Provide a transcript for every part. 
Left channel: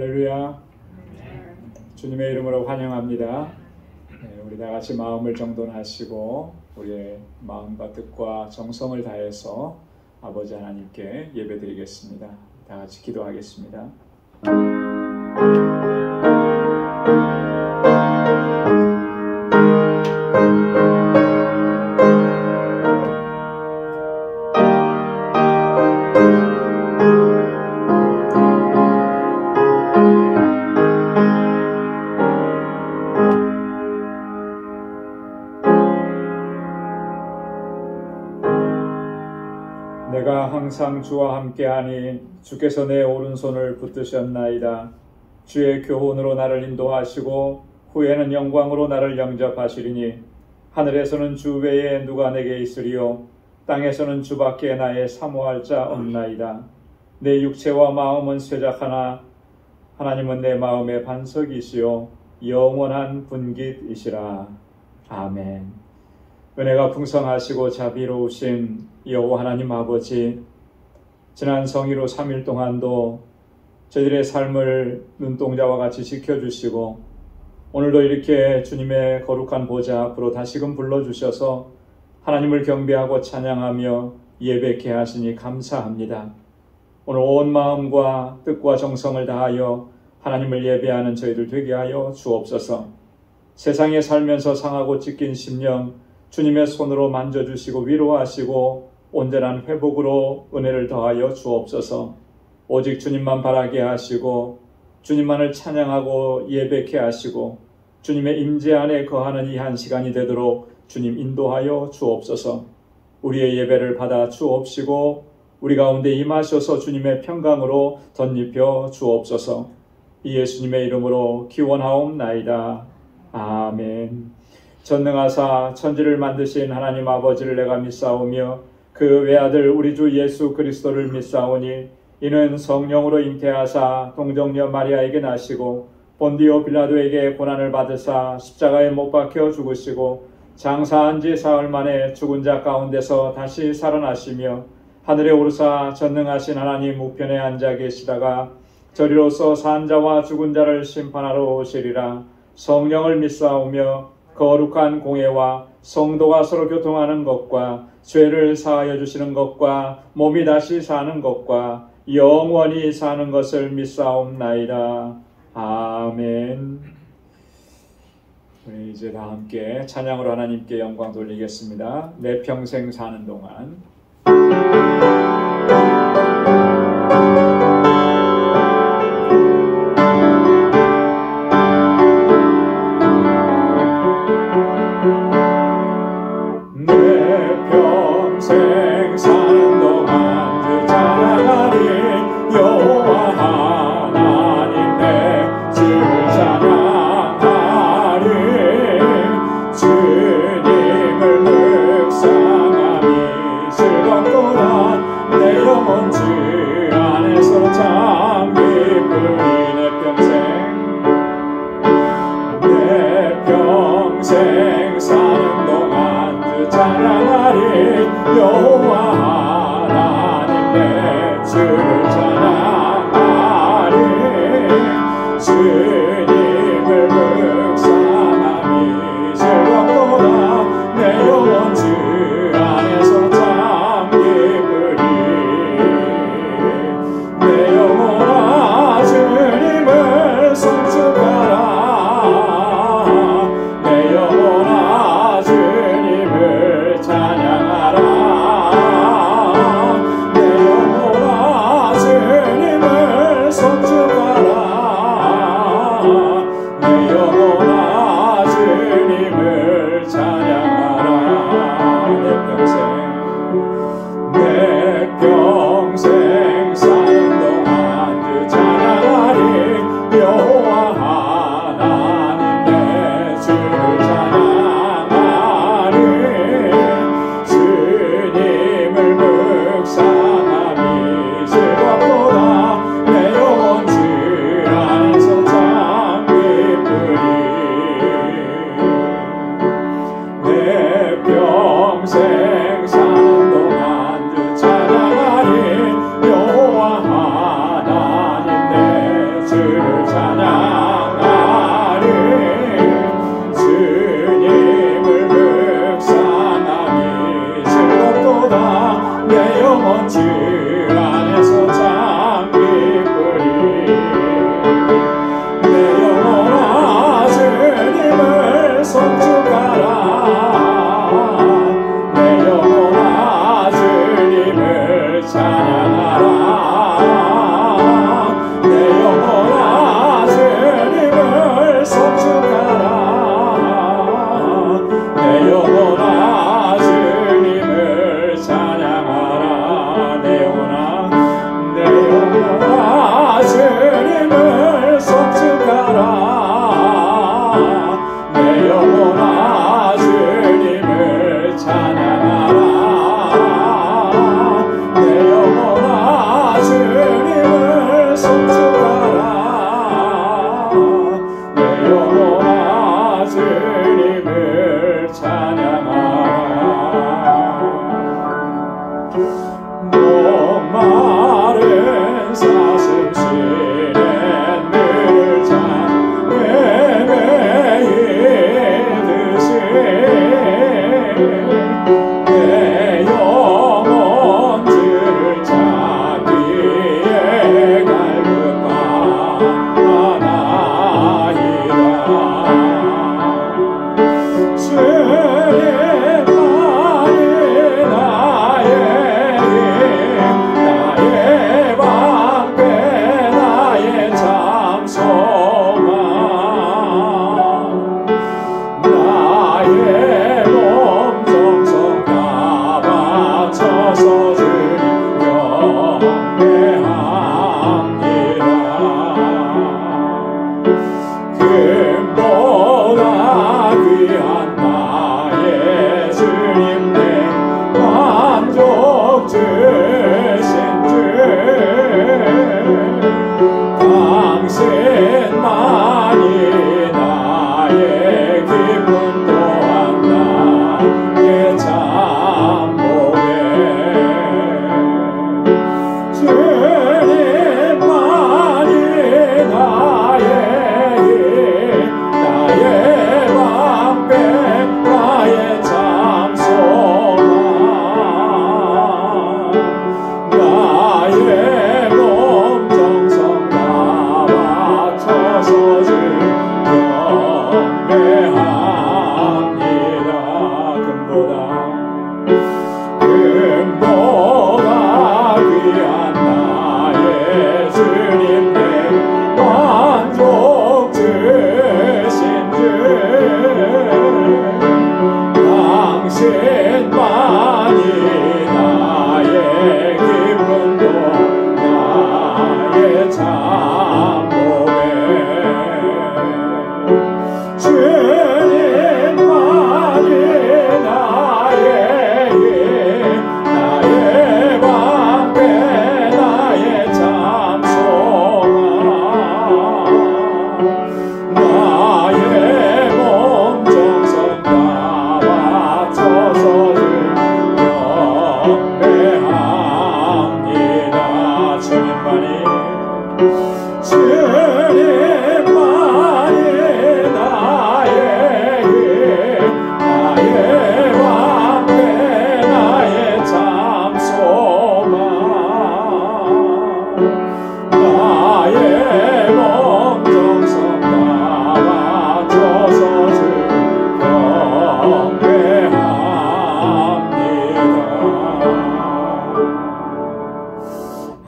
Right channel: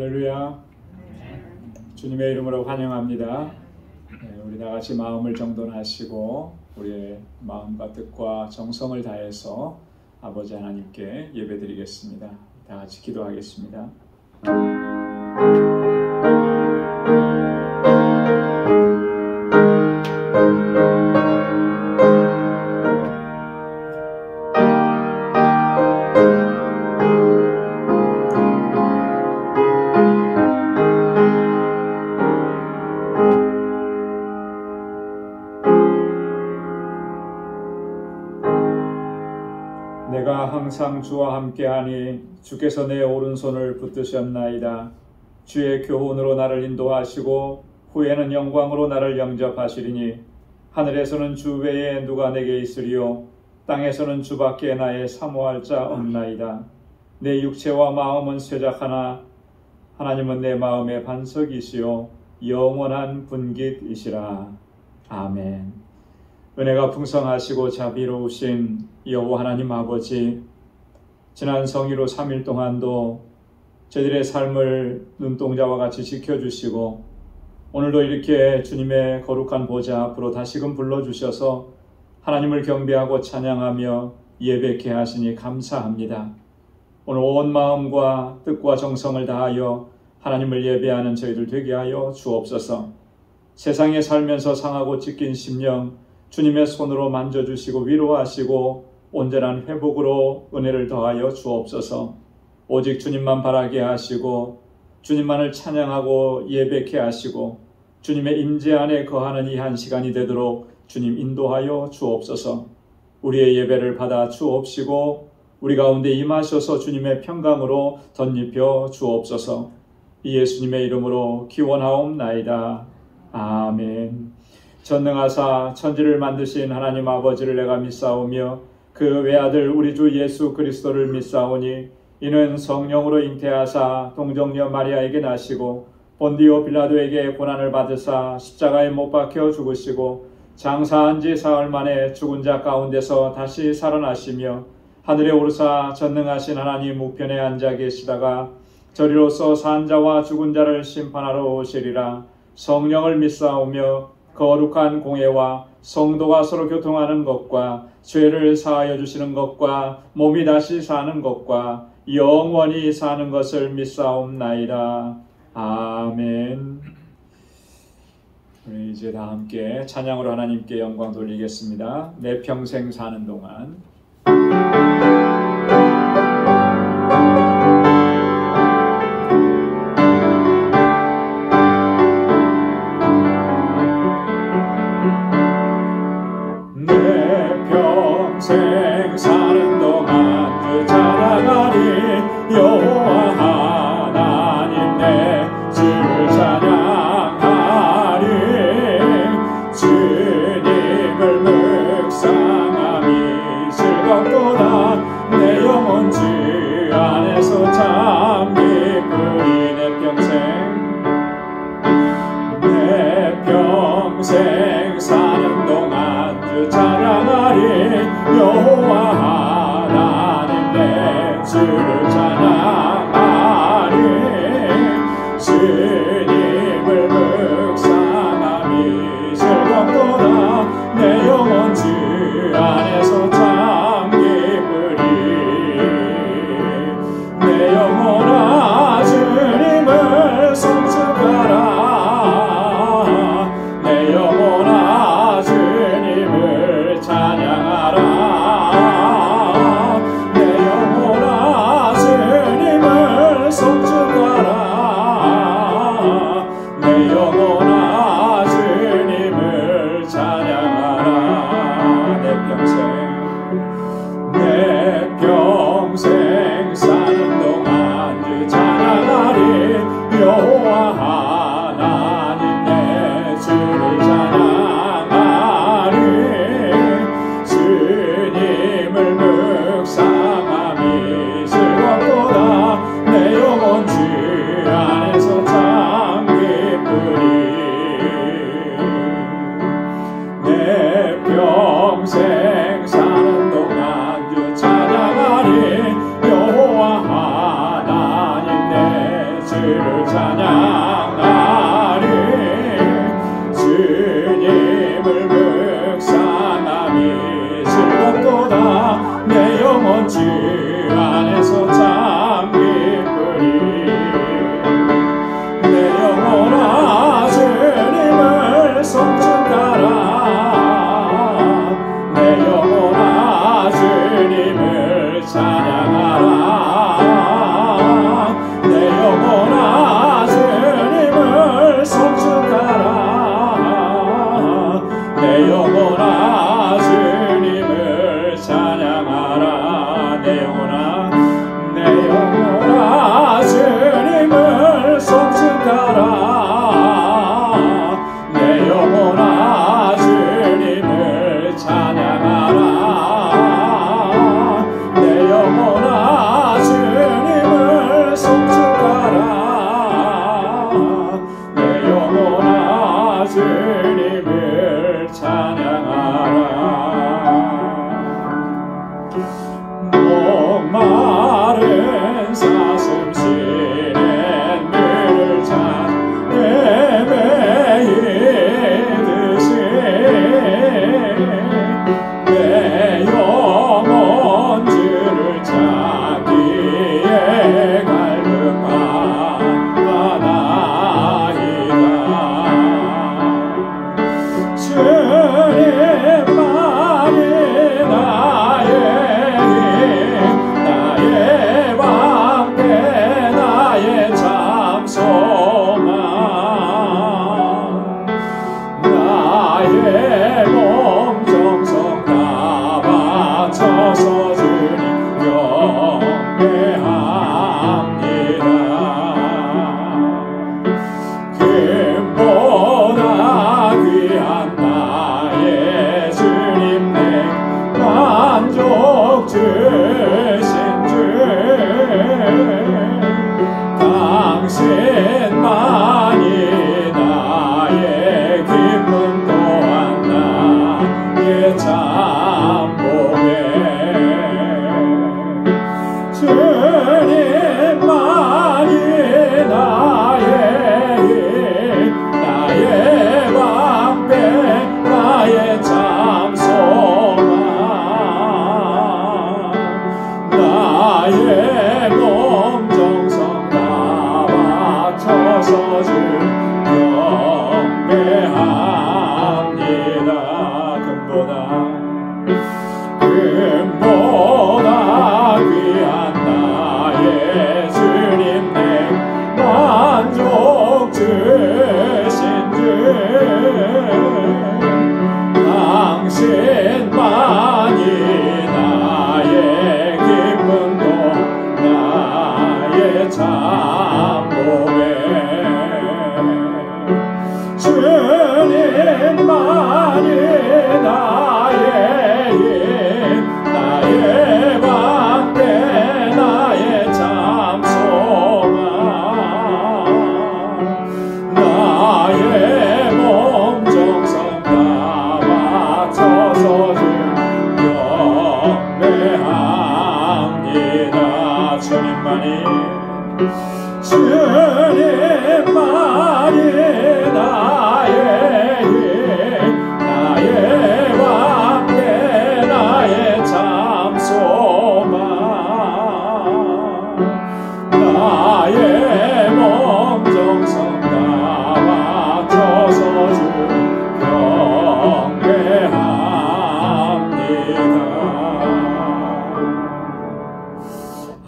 할렐루야. 주님의 이름으로 환영합니다. 우리 다 같이 마음을 정돈하시고 우리의 마음과 뜻과 정성을 다해서 아버지 하나님께 예배드리겠습니다. 다 같이 기도하겠습니다. 내가 항상 주와 함께하니 주께서 내 오른손을 붙드셨나이다. 주의 교훈으로 나를 인도하시고 후에는 영광으로 나를 영접하시리니 하늘에서는 주 외에 누가 내게 있으리요 땅에서는 주밖에 나의 사모할 자 없나이다. 내 육체와 마음은 쇠작하나 하나님은 내 마음의 반석이시요 영원한 분깃이시라. 아멘. 은혜가 풍성하시고 자비로우신 여호와 하나님 아버지, 지난 성일호 3일 동안도 저희들의 삶을 눈동자와 같이 지켜주시고 오늘도 이렇게 주님의 거룩한 보좌 앞으로 다시금 불러주셔서 하나님을 경배하고 찬양하며 예배케 하시니 감사합니다. 오늘 온 마음과 뜻과 정성을 다하여 하나님을 예배하는 저희들 되게 하여 주옵소서. 세상에 살면서 상하고 찢긴 심령 주님의 손으로 만져주시고 위로하시고 온전한 회복으로 은혜를 더하여 주옵소서. 오직 주님만 바라게 하시고 주님만을 찬양하고 예배케 하시고 주님의 임재 안에 거하는 이 한 시간이 되도록 주님 인도하여 주옵소서. 우리의 예배를 받아 주옵시고 우리 가운데 임하셔서 주님의 평강으로 덧입혀 주옵소서. 이 예수님의 이름으로 기원하옵나이다. 아멘. 전능하사 천지를 만드신 하나님 아버지를 내가 믿사오며 그 외아들 우리 주 예수 그리스도를 믿사오니 이는 성령으로 잉태하사 동정녀 마리아에게 나시고 본디오 빌라도에게 고난을 받으사 십자가에 못 박혀 죽으시고 장사한 지 사흘 만에 죽은 자 가운데서 다시 살아나시며 하늘에 오르사 전능하신 하나님 우편에 앉아 계시다가 저리로서 산 자와 죽은 자를 심판하러 오시리라. 성령을 믿사오며 거룩한 공예와 성도가 서로 교통하는 것과 죄를 사하여 주시는 것과 몸이 다시 사는 것과 영원히 사는 것을 믿사옵나이다. 아멘. 우리 이제 다 함께 찬양으로 하나님께 영광 돌리겠습니다. 내 평생 사는 동안. 주님을 묵상하니 주님을 찬양하라. 목마른 사슴 쉬는 물을 찾네 매이듯이 내 영혼 주를 찾기에 갈급하나이다. 주님만이 나의 힘, 나의 방패, 나의 참 소망, 나의 몸 정성 다 바쳐서 주님 경배합니다. 금보다 귀한 나의 주님 내 만족 주신 주, 당신만이 나의 기쁨 또한 나의 참복에 주님만이 나의 힘, 나의 방패, 나의 참 소망, 나의 몸 정성 다 바쳐서 주 경배합니다. 금보다 귀한 나의 주님 내 만족 주신 주, 당신만이 나의 기쁨도 나의 참복에 주님만이 나의 힘, 나의 방패, 나의 참 소망, 나의 몸 정성 다 바쳐서 주 경배합니다. 주님만이 나의 힘, 나의 방패, 나의 참 소망, 나의 몸 정성 다 바쳐서 주 경배합니다.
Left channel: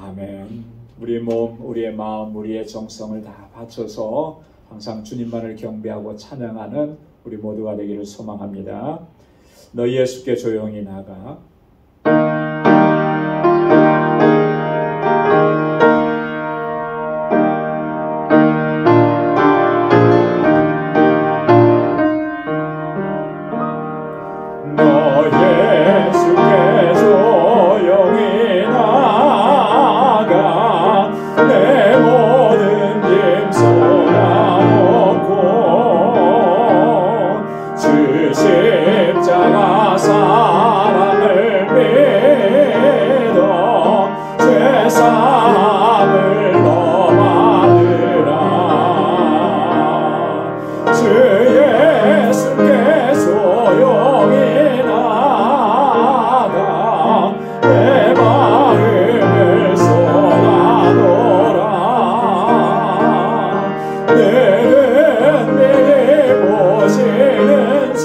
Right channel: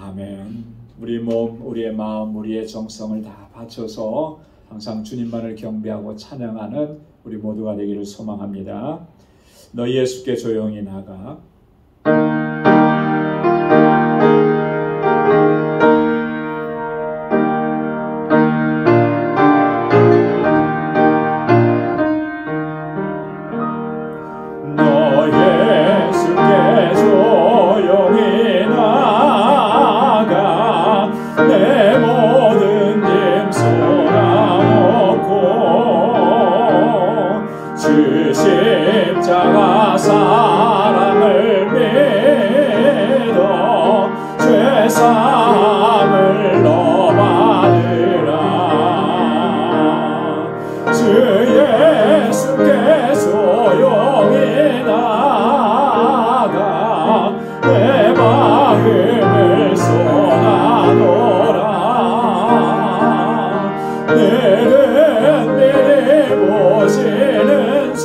아멘. 우리 몸, 우리의 마음, 우리의 정성을 다 바쳐서 항상 주님만을 경배하고 찬양하는 우리 모두가 되기를 소망합니다. 너희 예수께 조용히 나가. 너 예수께 조용히 나가 내 모든 짐 쏟아놓고 주 십자가 사랑을 믿어 죄사함을 너 받으라. 주 예수께 조용히 나가 내 마음을 쏟아놓으라. 늘은 미리 보시는 주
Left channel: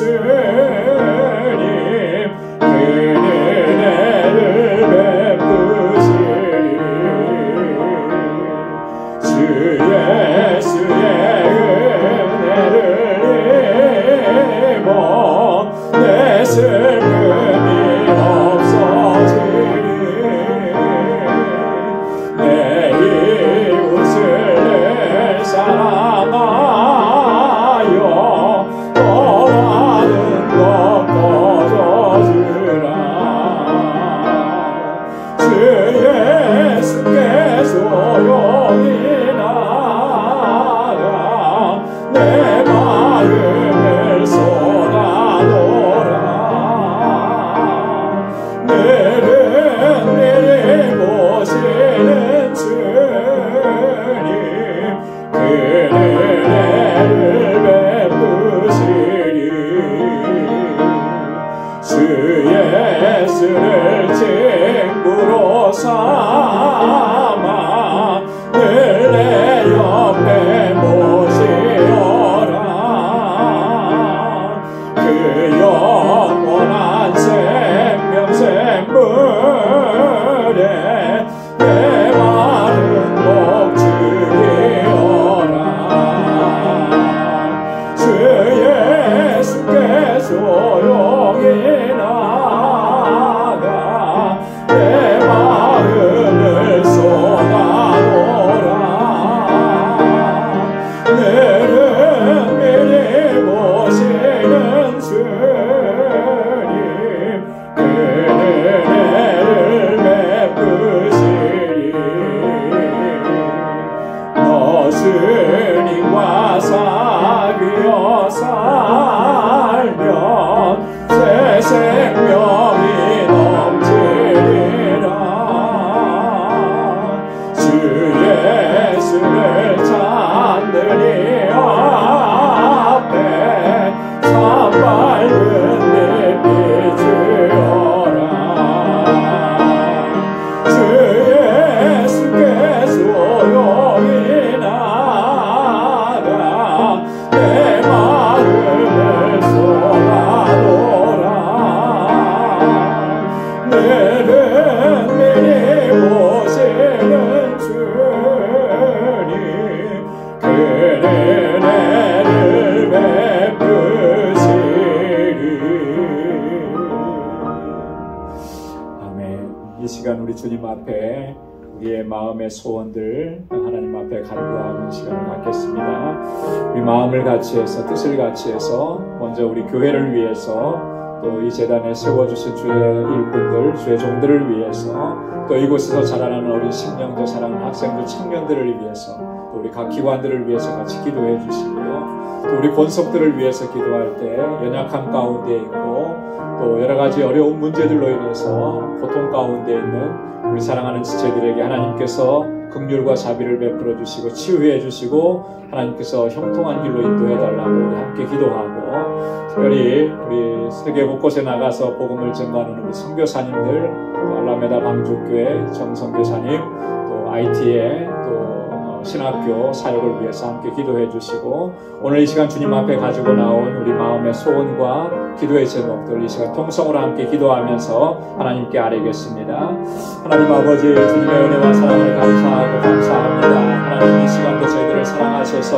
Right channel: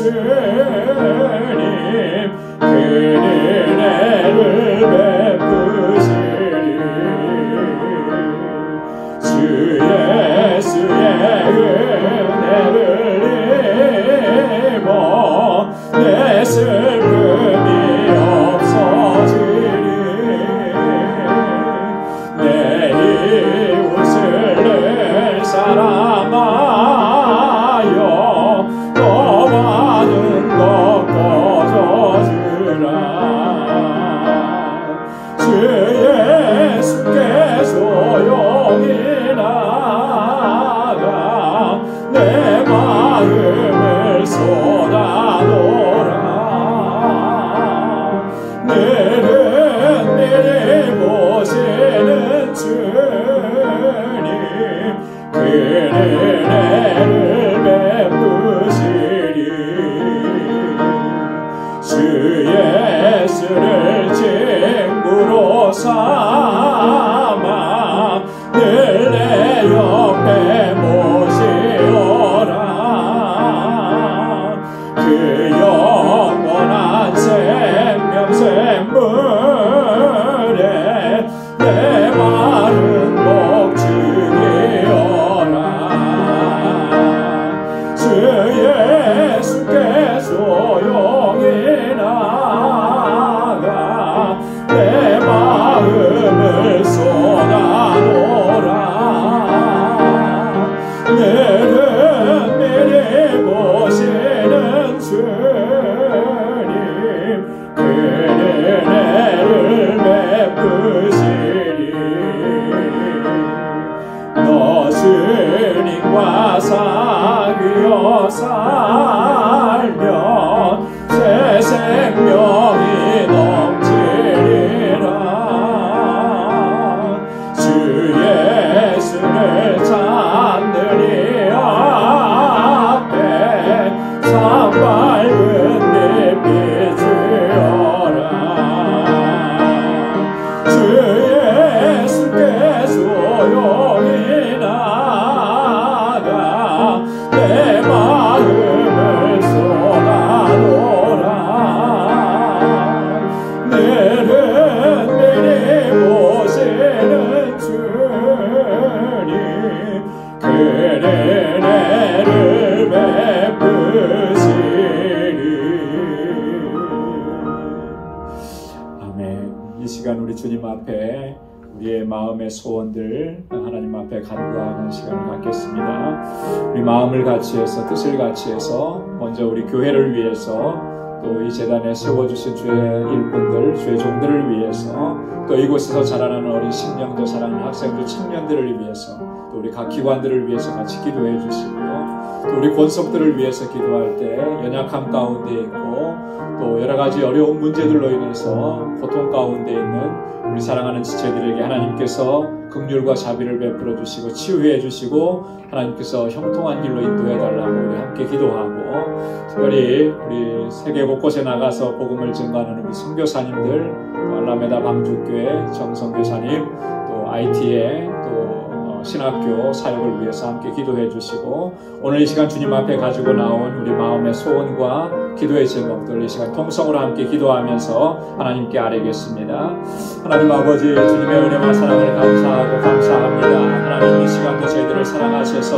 주 예수께 조용히 나가 내 마음을 쏟아놓으라. 내는 미리 보시는 주님 그는 은혜를 베푸시리. 너 주님과 사귀어 살면 새 생명이 넘치리라. 주 예수를 찾느니 앞에 산밝은 빛 비추어라. 주 예수께 조용히 나가 내 마음을 쏟아놓으라. 내는 미리 보시는 주님 그는 은혜를 베푸시리. 아멘. 이 시간 우리 주님 앞에 우리의 마음의 소원들 하나님 앞에 간구하는 시간을 갖겠습니다. 우리 마음을 같이 해서 뜻을 같이 해서 먼저 우리 교회를 위해서 또 이 재단에 세워주신 주의 일꾼들 주의 종들을 위해서 또 이곳에서 자라나는 어린 신령들 자라나는 학생들 청년들을 위해서 또 우리 각 기관들을 위해서 같이 기도해 주시고요. 또 우리 권속들을 위해서 기도할 때 연약함 가운데 있고 또 여러 가지 어려운 문제들로 인해서 고통 가운데 있는 우리 사랑하는 지체들에게 하나님께서 긍휼과 자비를 베풀어 주시고 치유해 주시고 하나님께서 형통한 길로 인도해 달라고 우리 함께 기도하고 특별히 우리 세계 곳곳에 나가서 복음을 증거하는 우리 선교사님들 또 알라메다 방주교회 정성교사님 또 IT의 또 신학교 사역을 위해서 함께 기도해 주시고 오늘 이 시간 주님 앞에 가지고 나온 우리 마음의 소원과 기도의 제목들 이 시간 통성으로 함께 기도하면서 하나님께 아뢰겠습니다. 하나님 아버지 주님의 은혜와 사랑을 감사하고 감사합니다. 하나님 이 시간도 저희들을 사랑하셔서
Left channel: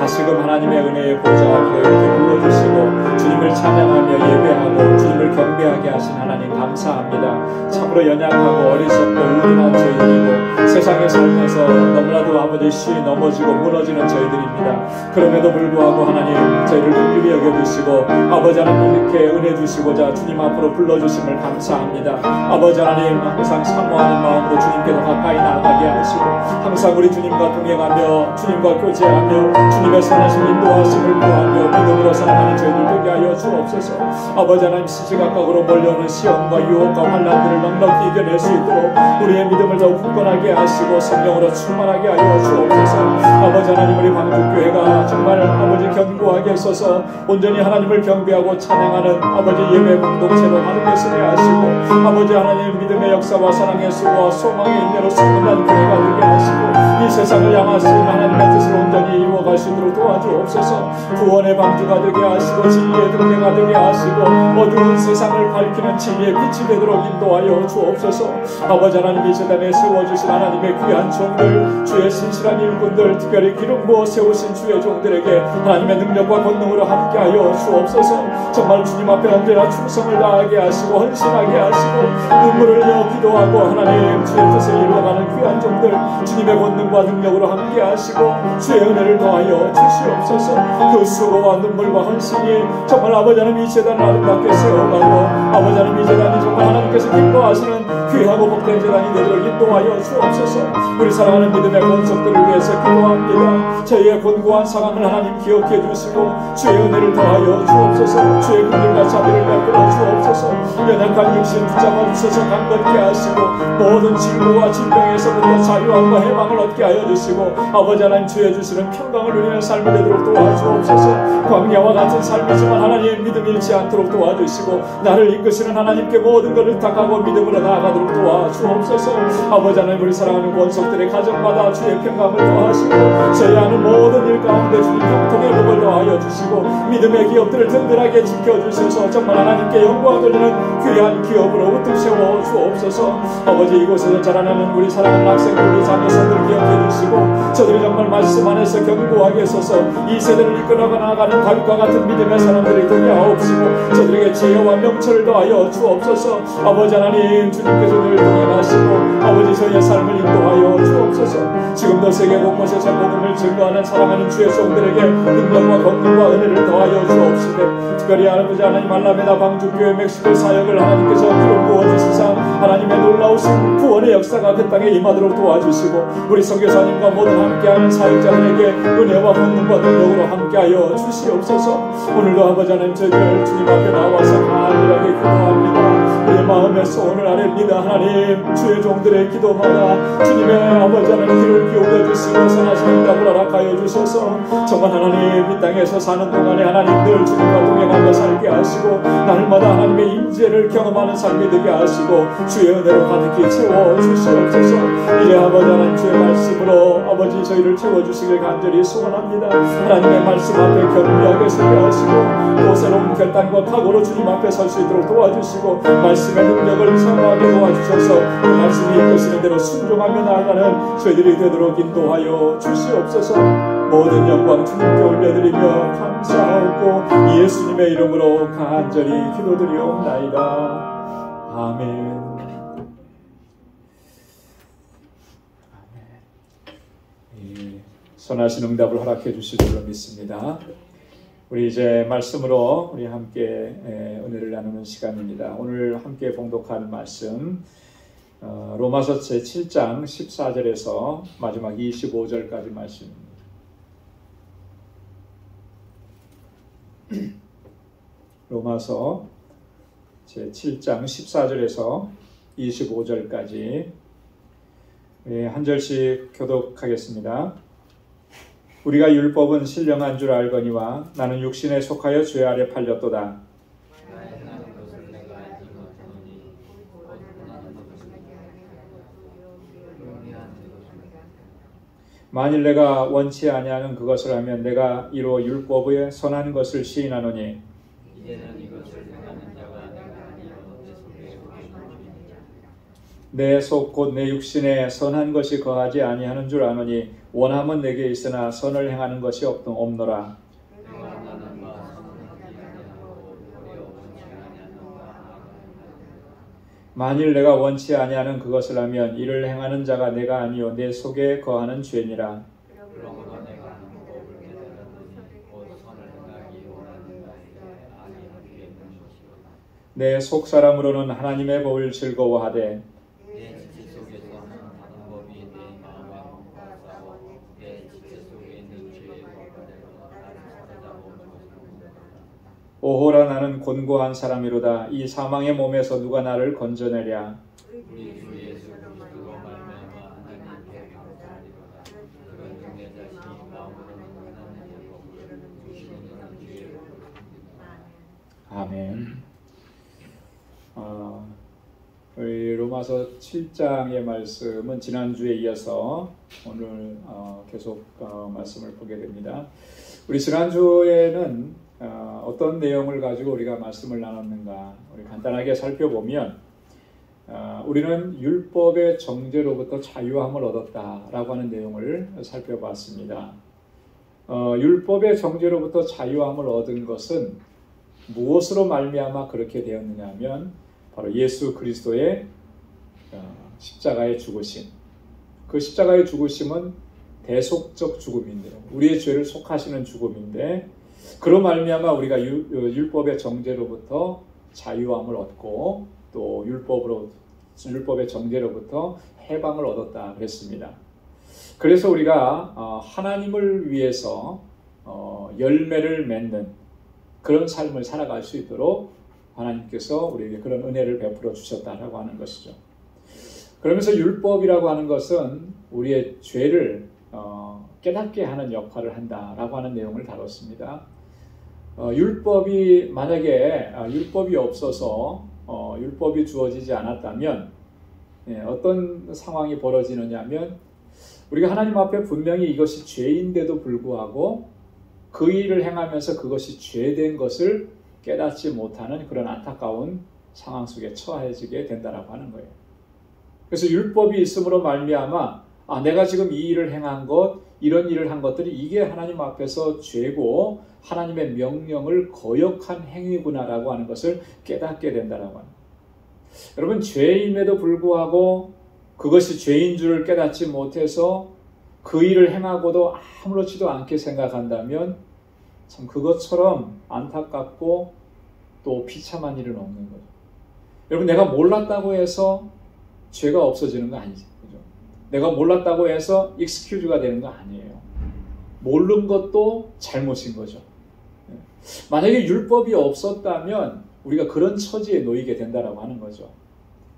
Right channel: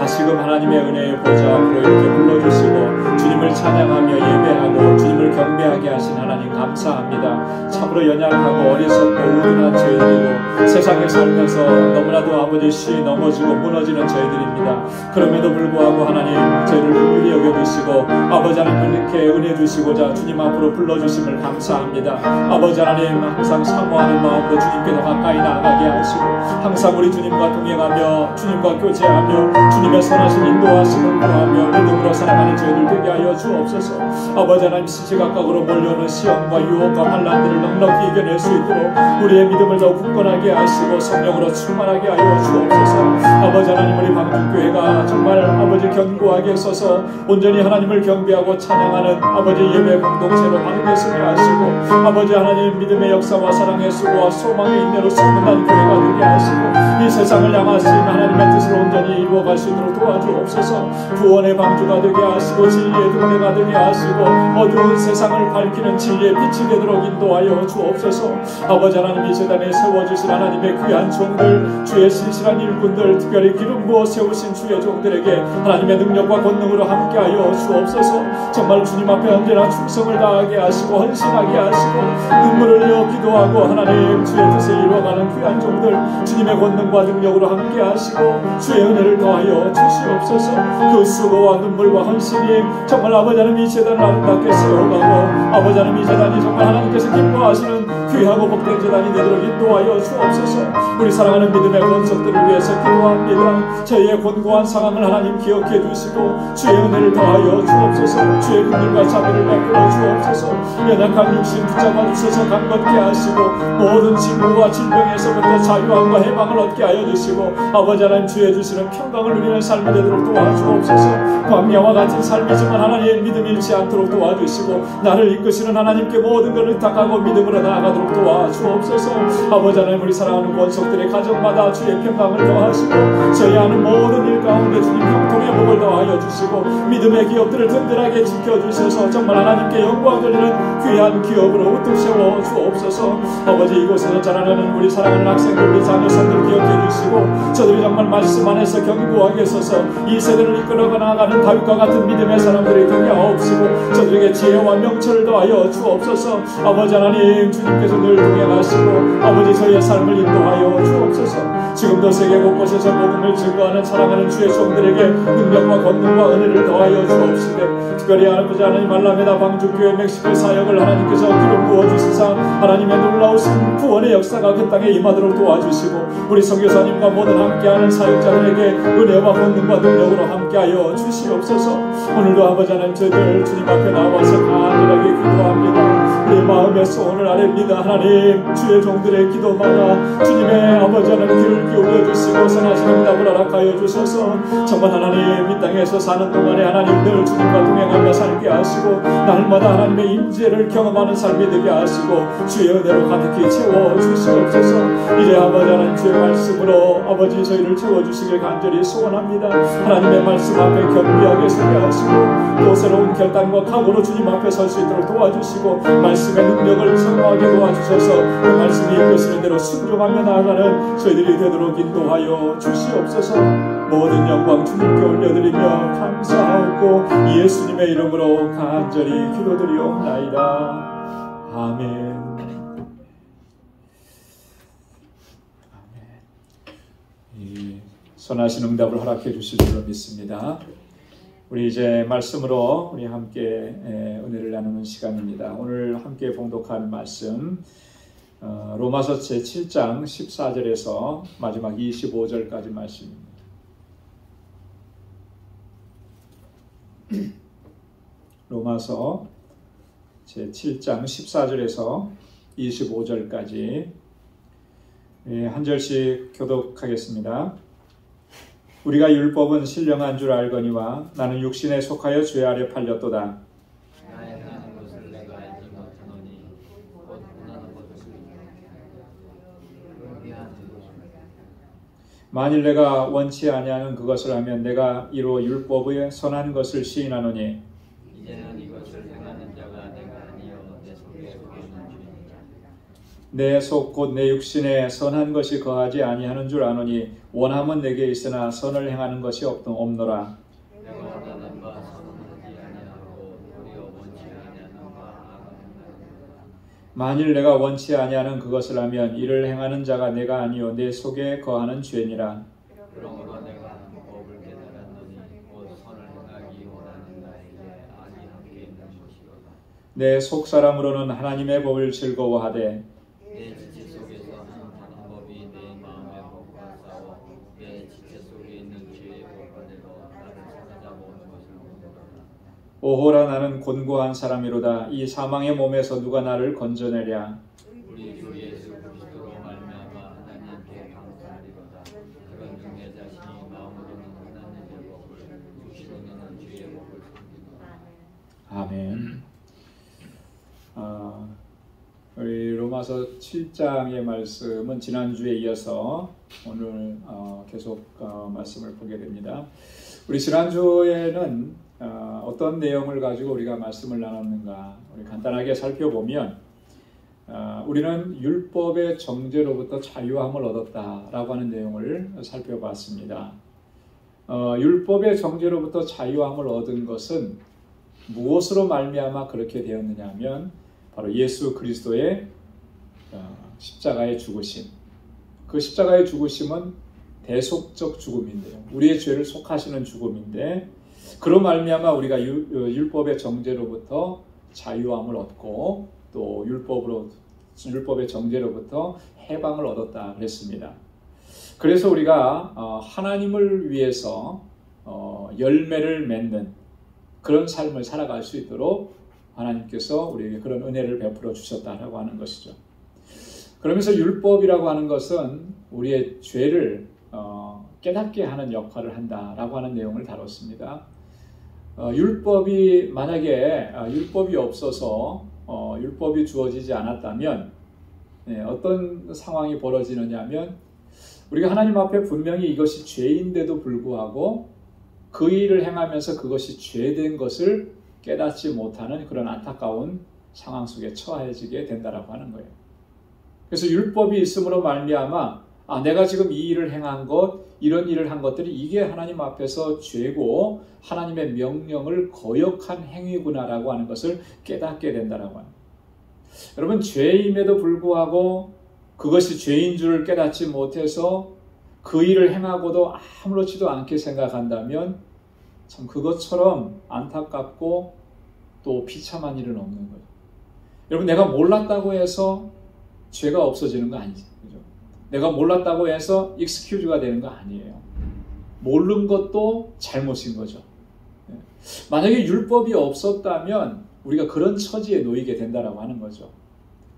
다시금 하나님의 은혜의 보좌 앞으로 이렇게 불러주시고 주님을 찬양하며 예배하고 주님을 경배하게 하신 하나님 감사합니다. 참으로 연약하고 어리석고 우둔한 저희들이고 세상에 살면서 너무나도 아버지 쉬 넘어지고 무너지는 저희들입니다. 그럼에도 불구하고 하나님 저희를 긍휼히 여겨주시고 아버지 하나님 이렇게 은혜 주시고자 주님 앞으로 불러주심을 감사합니다. 아버지 하나님 항상 사모하는 마음으로 주님께 더 가까이 나아가게 하시고 항상 우리 주님과 동행하며 주님과 교제하며 주님의 선하신 인도하심을 구하며 믿음으로 살아가는 저희들 되게 하여 주옵소서. 아버지 하나님 시시각각으로 몰려오는 시험과 유혹과 환난들을 넉넉히 이겨낼 수 있도록 우리의 믿음을 더욱 굳건하게 하시고 성령으로 충만하게 하여 주옵소서. 아버지 하나님 우리 방주교회가 정말 아버지 견고하게 서서 온전히 하나님을 경배하고 찬양하는 아버지 예배 공동체로 하나님께 쓰게 하시고 아버지 하나님 믿음의 역사와 사랑의 수고와 소망의 인내로 소문난 교회가 되게 하시고 이 세상을 향하신 하나님의 뜻을 온전히 이루어갈 수 있도록 도와주옵소서. 구원의 방주가 되게 하시고 진리의 등대가 되게 하시고 어두운 세상을 밝히는 진리의 빛이 되도록 인도하여 주옵소서. 아버지 하나님 이 세상에 세워주신 하나님의 귀한 종들 주의 신실한 일꾼들 특별히 기름 부어 세우신 주의 종들에게 하나님의 능력과 권능으로 함께하여 주옵소서. 정말 주님 앞에 언제나 충성을 다하게 하시고 헌신하게 하시고 눈물을 흘려 기도하고 하나님 주의 뜻을 이루어가는 귀한 종들 주님의 권능과 능력으로 함께 하시고 주의 은혜를 더하여 주시옵소서. 그 수고와 눈물과 헌신이 정말 아버지 하나님 이 재단을 아름답게 세워가고 아버지 하나님 이 재단이 정말 하나님께서 기뻐하시는 귀하고 복된 재단이 되도록 인도하여 주옵소서. 우리 사랑하는 믿음의 권속들을 위해서 기도합니다. 저희의 곤고한 상황을 하나님 기억해 주시고 주의 은혜를 더하여 주옵소서. 주의 긍휼과 자비를 베풀어 주옵소서. 연약한 육신 붙잡아 주셔서 강건케 하시고 모든 징후와 질병에서부터 자유함과 해방을 얻게 하여 주시고 아버지 하나님 주의 주시는 평강을 누리는 삶이 되도록 도와주옵소서. 광야와 같은 삶이지만 하나님 믿음이 잃지 않도록 도와주시고 나를 이끄시는 하나님께 모든 것을 의탁하고 믿음으로 나아가도록 있도록 도와주옵소서. 아버지 하나님, 우리 사랑하는 권속들의 가정마다 주의 평강을 더하시고 저희 하는 모든 일 가운데 주님 형통의 복을 더하여 주시고 믿음의 기업들을 든든하게 지켜주셔서 정말 하나님께 영광 돌리는 귀한 기업으로 우뚝 세워 주옵소서. 아버지, 이곳에서 자라나는 우리 사랑하는 학생들, 우리 자녀선들을 기억해 주시고 저들이 정말 말씀 안에서 견고하게 서서 이 세대를 이끌어 나가는 다윗과 같은 믿음의 사람들이 되게 하옵시고 저들에게 지혜와 명철을 더하여 주옵소서. 아버지 하나님, 주님께서 늘 동행하시고 아버지 저희의 삶을 인도하여 주옵소서. 지금도 세계 곳곳에서 복음을 증거하는 사랑하는 주의 종들에게 능력과 권능과 은혜를 더하여 주옵시되 특별히 아버지 하나님, 알라메다 방주교회 멕시코 사역을 하나님께서 기름 부어주시사 하나님의 놀라우신 구원의 역사가 그 땅에 임하도록 도와주시고 우리 선교사님과 모든 함께하는 사역자들에게 은혜와 권능과 능력으로 함께하여 주시옵소서. 오늘도 아버지 하나님, 저희들 주님 앞에 나와서 간절하게 기도합니다. 우리의 마음의 소원을 아뢰입니다. 하나님, 주의 종들의 기도마다 주님의 아버지 하나님 귀를 기울여 주시고 선하신 응답을 허락하여 주셔서 정말 하나님, 이 땅에서 사는 동안에 하나님 늘 주님과 동행하며 살게 하시고 날마다 하나님의 임재를 경험하는 삶이 되게 하시고 주의 은혜로 가득히 채워 주시옵소서. 이제 아버지 하나님, 주의 말씀으로 아버지 저희를 채워주시길 간절히 소원합니다. 하나님의 말씀 앞에 겸비하게 서게 하시고 또 새로운 결단과 각오로 주님 앞에 설 수 있도록 도와주시고 말씀의 능력을 체험하게 도와주셔서 그 말씀이 이끄시는 대로 순종하며 나아가는 저희들이 되도록 인도하여 주시옵소서. 모든 영광 주님께 올려드리며 감사하고 예수님의 이름으로 간절히 기도드리옵나이다. 아멘. 선하신 응답을 허락해 주실 줄로 믿습니다. 우리 이제 말씀으로 우리 함께 은혜를 나누는 시간입니다. 오늘 함께 봉독하는 말씀 로마서 제7장 14절에서 마지막 25절까지 말씀입니다. 로마서 제7장 14절에서 25절까지 한 절씩 교독하겠습니다. 우리가 율법은 신령한 줄 알거니와 나는 육신에 속하여 죄 아래 팔렸도다. 만일 내가 원치 아니하는 그것을 하면 내가 이로 율법의 선한 것을 시인하노니 이제는 이것을 행하는 자가 내가 아니요 내 속에 있는 주인이라. 내 속 곧 내 육신에 선한 것이 거하지 아니하는 줄 아노니 원함은 내게 있으나 선을 행하는 것이 없노라. 내가 원하는 바 선하지 아니하고 도리어 원치 아니하는 바 만일 내가 원치 아니하는 그것을 하면 이를 행하는 자가 내가 아니요 내 속에 거하는 죄니라. 그러므로 내가 법을 깨달았노니 곧 선을 행하기 원하는 나에게 악이 함께 있는 것이로다. 내 속 사람으로는 하나님의 법을 즐거워하되 내 지체 속에서는 다른 법이 내 마음의 법과 싸워 내 지체 속에 있는 죄의 법대로 나를 찾아보는 것이로다. 오호라, 나는 곤고한 사람이로다. 이 사망의 몸에서 누가 나를 건져내랴. 우리 주 예수 그리스도로 말미암아 하나님께 감사하리로다. 그런 중 내 자신이 마음으로는 하나님의 법을 육신으로는 죄의 법을 섬기노라. 아멘. 우리 로마서 7장의 말씀은 지난주에 이어서 오늘 계속 말씀을 보게 됩니다. 우리 지난주에는 어떤 내용을 가지고 우리가 말씀을 나눴는가 우리 간단하게 살펴보면 우리는 율법의 정죄로부터 자유함을 얻었다라고 하는 내용을 살펴봤습니다. 율법의 정죄로부터 자유함을 얻은 것은 무엇으로 말미암아 그렇게 되었느냐 하면 바로 예수 그리스도의 십자가의 죽으심. 그 십자가의 죽으심은 대속적 죽음인데요. 우리의 죄를 속하시는 죽음인데 그로 말미암아 우리가 율법의 정죄로부터 자유함을 얻고 또 율법의 정죄로부터 해방을 얻었다 그랬습니다. 그래서 우리가 하나님을 위해서 열매를 맺는 그런 삶을 살아갈 수 있도록 하나님께서 우리에게 그런 은혜를 베풀어 주셨다라고 하는 것이죠. 그러면서 율법이라고 하는 것은 우리의 죄를 깨닫게 하는 역할을 한다라고 하는 내용을 다뤘습니다. 율법이 만약에 율법이 없어서 율법이 주어지지 않았다면 어떤 상황이 벌어지느냐 하면 우리가 하나님 앞에 분명히 이것이 죄인데도 불구하고 그 일을 행하면서 그것이 죄된 것을 깨닫지 못하는 그런 안타까운 상황 속에 처해지게 된다라고 하는 거예요. 그래서 율법이 있음으로 말미암아 내가 지금 이 일을 행한 것, 이런 일을 한 것들이 이게 하나님 앞에서 죄고 하나님의 명령을 거역한 행위구나라고 하는 것을 깨닫게 된다라고 하는 거예요. 여러분, 죄임에도 불구하고 그것이 죄인 줄을 깨닫지 못해서 그 일을 행하고도 아무렇지도 않게 생각한다면 참 그것처럼 안타깝고 또 비참한 일은 없는 거예요. 여러분, 내가 몰랐다고 해서 죄가 없어지는 거 아니죠. 그죠? 내가 몰랐다고 해서 익스큐즈가 되는 거 아니에요. 모르는 것도 잘못인 거죠. 만약에 율법이 없었다면 우리가 그런 처지에 놓이게 된다라고 하는 거죠.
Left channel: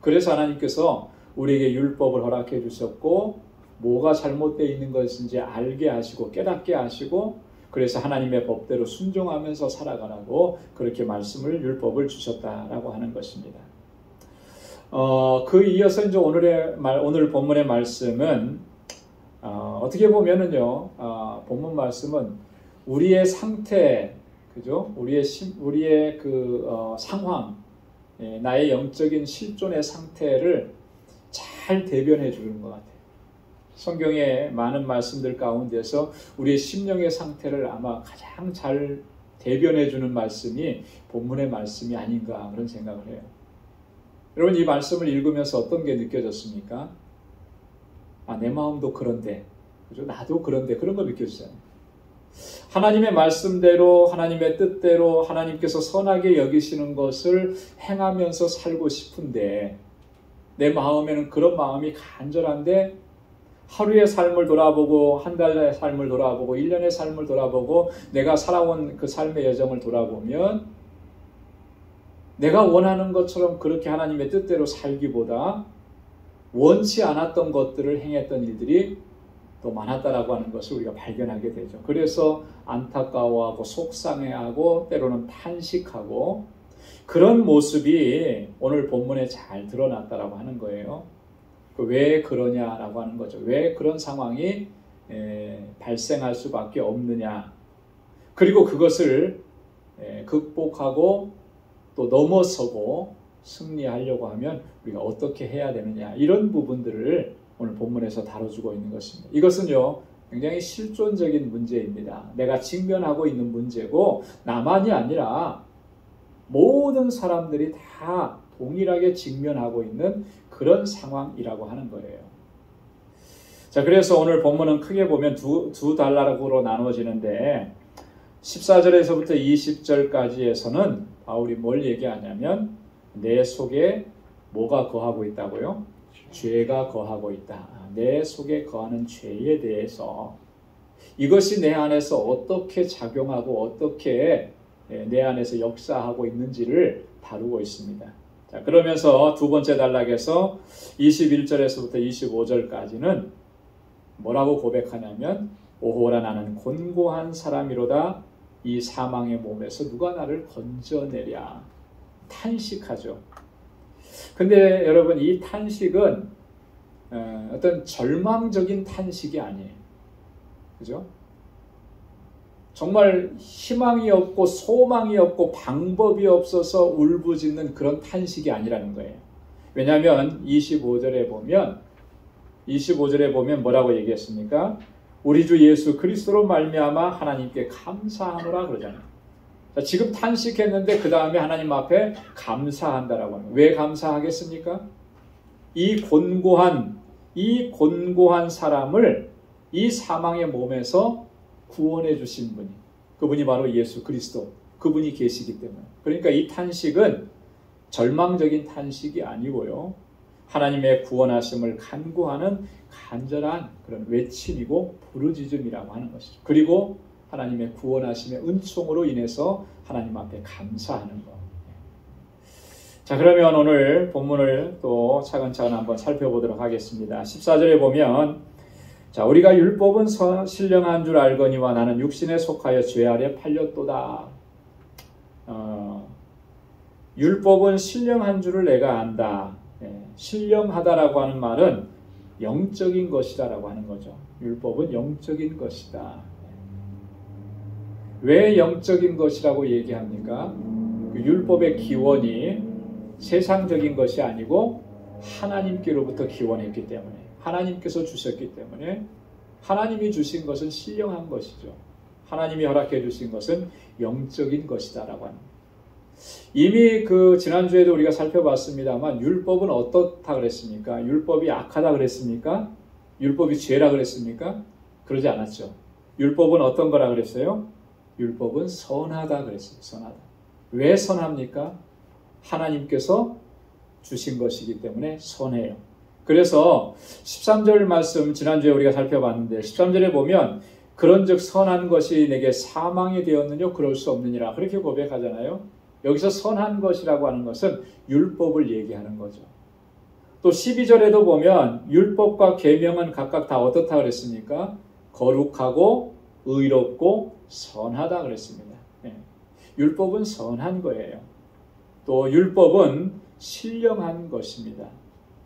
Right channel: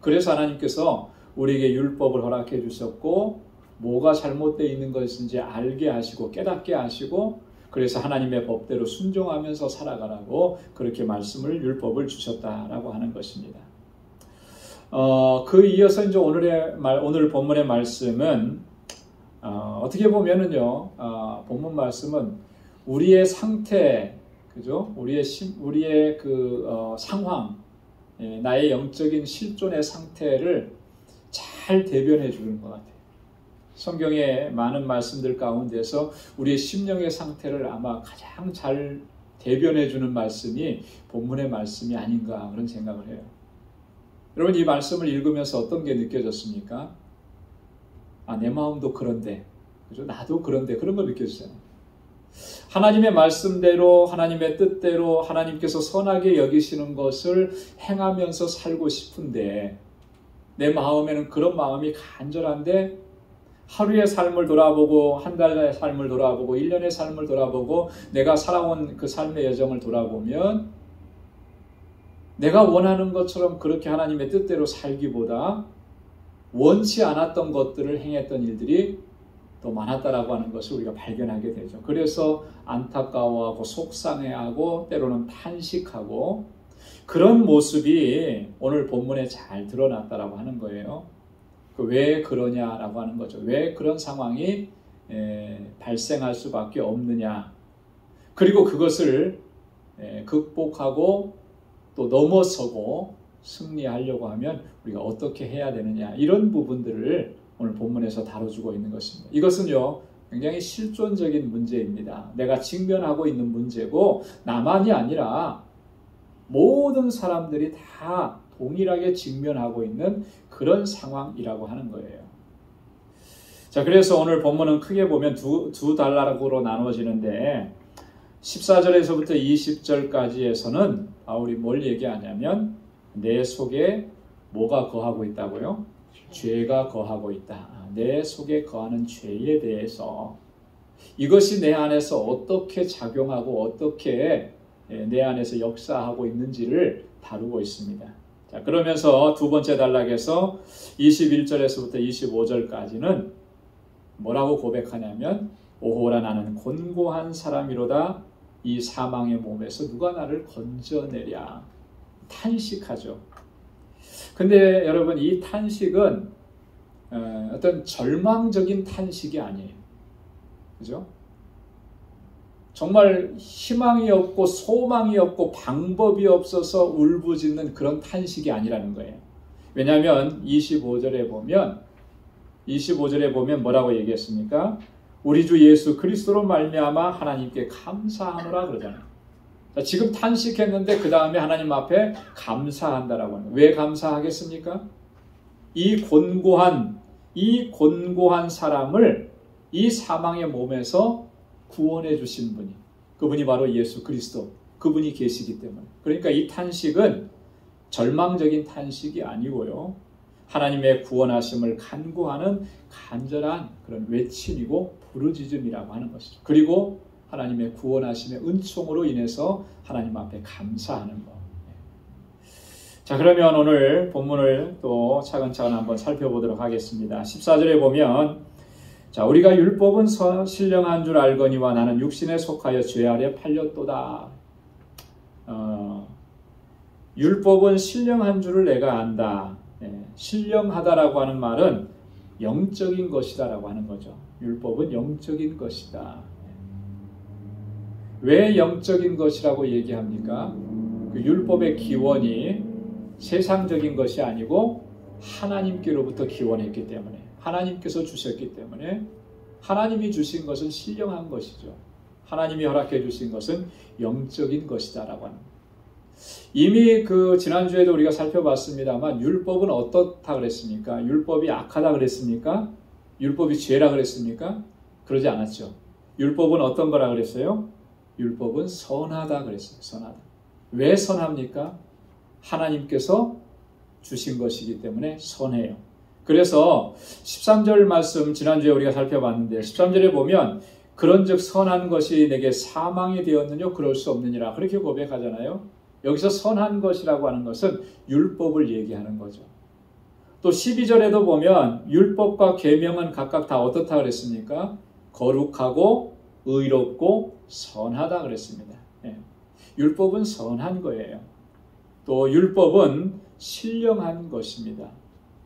그래서 하나님께서 우리에게 율법을 허락해 주셨고 뭐가 잘못되어 있는 것인지 알게 하시고 깨닫게 하시고 그래서 하나님의 법대로 순종하면서 살아가라고 그렇게 말씀을 율법을 주셨다라고 하는 것입니다. 그 이어서 이제 오늘 본문의 말씀은 어떻게 보면은요, 본문 말씀은 우리의 상태, 그죠? 우리의 상황, 나의 영적인 실존의 상태를 잘 대변해 주는 것 같아요. 성경의 많은 말씀들 가운데서 우리의 심령의 상태를 아마 가장 잘 대변해 주는 말씀이 본문의 말씀이 아닌가 그런 생각을 해요. 여러분, 이 말씀을 읽으면서 어떤 게 느껴졌습니까? 내 마음도 그런데, 그죠? 나도 그런데 그런 거 느껴지잖아요. 하나님의 말씀대로 하나님의 뜻대로 하나님께서 선하게 여기시는 것을 행하면서 살고 싶은데 내 마음에는 그런 마음이 간절한데 하루의 삶을 돌아보고 한 달의 삶을 돌아보고 1년의 삶을 돌아보고 내가 살아온 그 삶의 여정을 돌아보면 내가 원하는 것처럼 그렇게 하나님의 뜻대로 살기보다 원치 않았던 것들을 행했던 일들이 더 많았다라고 하는 것을 우리가 발견하게 되죠. 그래서 안타까워하고 속상해하고 때로는 탄식하고 그런 모습이 오늘 본문에 잘 드러났다라고 하는 거예요. 왜 그러냐라고 하는 거죠. 왜 그런 상황이 발생할 수밖에 없느냐. 그리고 그것을 극복하고 또 넘어서고 승리하려고 하면 우리가 어떻게 해야 되느냐. 이런 부분들을 오늘 본문에서 다뤄주고 있는 것입니다. 이것은요, 굉장히 실존적인 문제입니다. 내가 직면하고 있는 문제고 나만이 아니라 모든 사람들이 다 동일하게 직면하고 있는 그런 상황이라고 하는 거예요. 자, 그래서 오늘 본문은 크게 보면 두 단락으로 나눠지는데 14절에서부터 20절까지에서는 바울이 뭘 얘기하냐면 내 속에 뭐가 거하고 있다고요? 죄가 거하고 있다. 내 속에 거하는 죄에 대해서 이것이 내 안에서 어떻게 작용하고 어떻게 내 안에서 역사하고 있는지를 다루고 있습니다. 자, 그러면서 두 번째 단락에서 21절에서부터 25절까지는 뭐라고 고백하냐면 오호라 나는 곤고한 사람이로다. 이 사망의 몸에서 누가 나를 건져내랴. 탄식하죠. 근데 여러분, 이 탄식은 어떤 절망적인 탄식이 아니에요. 그죠? 정말 희망이 없고 소망이 없고 방법이 없어서 울부짖는 그런 탄식이 아니라는 거예요. 왜냐하면 25절에 보면 뭐라고 얘기했습니까? 우리 주 예수 그리스도로 말미암아 하나님께 감사하노라 그러잖아요. 자, 지금 탄식했는데 그 다음에 하나님 앞에 감사한다라고 하는 거예요. 왜 감사하겠습니까? 이 곤고한 사람을 이 사망의 몸에서 구원해 주신 분이, 그분이 바로 예수 그리스도, 그분이 계시기 때문에. 그러니까 이 탄식은 절망적인 탄식이 아니고요, 하나님의 구원하심을 간구하는 간절한 그런 외침이고 부르짖음이라고 하는 것이죠. 그리고 하나님의 구원하심의 은총으로 인해서 하나님 앞에 감사하는 것. 자, 그러면 오늘 본문을 또 차근차근 한번 살펴보도록 하겠습니다. 14절에 보면 자, 우리가 율법은 신령한 줄 알거니와 나는 육신에 속하여 죄 아래 팔렸도다. 율법은 신령한 줄을 내가 안다. 신령하다라고 하는 말은 영적인 것이다라고 하는 거죠. 율법은 영적인 것이다. 왜 영적인 것이라고 얘기합니까? 그 율법의 기원이 세상적인 것이 아니고 하나님께로부터 기원했기 때문에, 하나님께서 주셨기 때문에, 하나님이 주신 것은 신령한 것이죠. 하나님이 허락해 주신 것은 영적인 것이다라고 합니다. 이미 그 지난주에도 우리가 살펴봤습니다만 율법은 어떻다 그랬습니까? 율법이 악하다 그랬습니까? 율법이 죄라 그랬습니까? 그러지 않았죠. 율법은 어떤 거라 그랬어요? 율법은 선하다 그랬어요. 선하다. 왜 선합니까? 하나님께서 주신 것이기 때문에 선해요. 그래서 13절 말씀 지난주에 우리가 살펴봤는데 13절에 보면 그런즉 선한 것이 내게 사망이 되었느냐 그럴 수 없느니라 그렇게 고백하잖아요. 여기서 선한 것이라고 하는 것은 율법을 얘기하는 거죠. 또 12절에도 보면 율법과 계명은 각각 다 어떻다 그랬습니까? 거룩하고 의롭고 선하다 그랬습니다. 율법은 선한 거예요. 또 율법은 신령한 것입니다.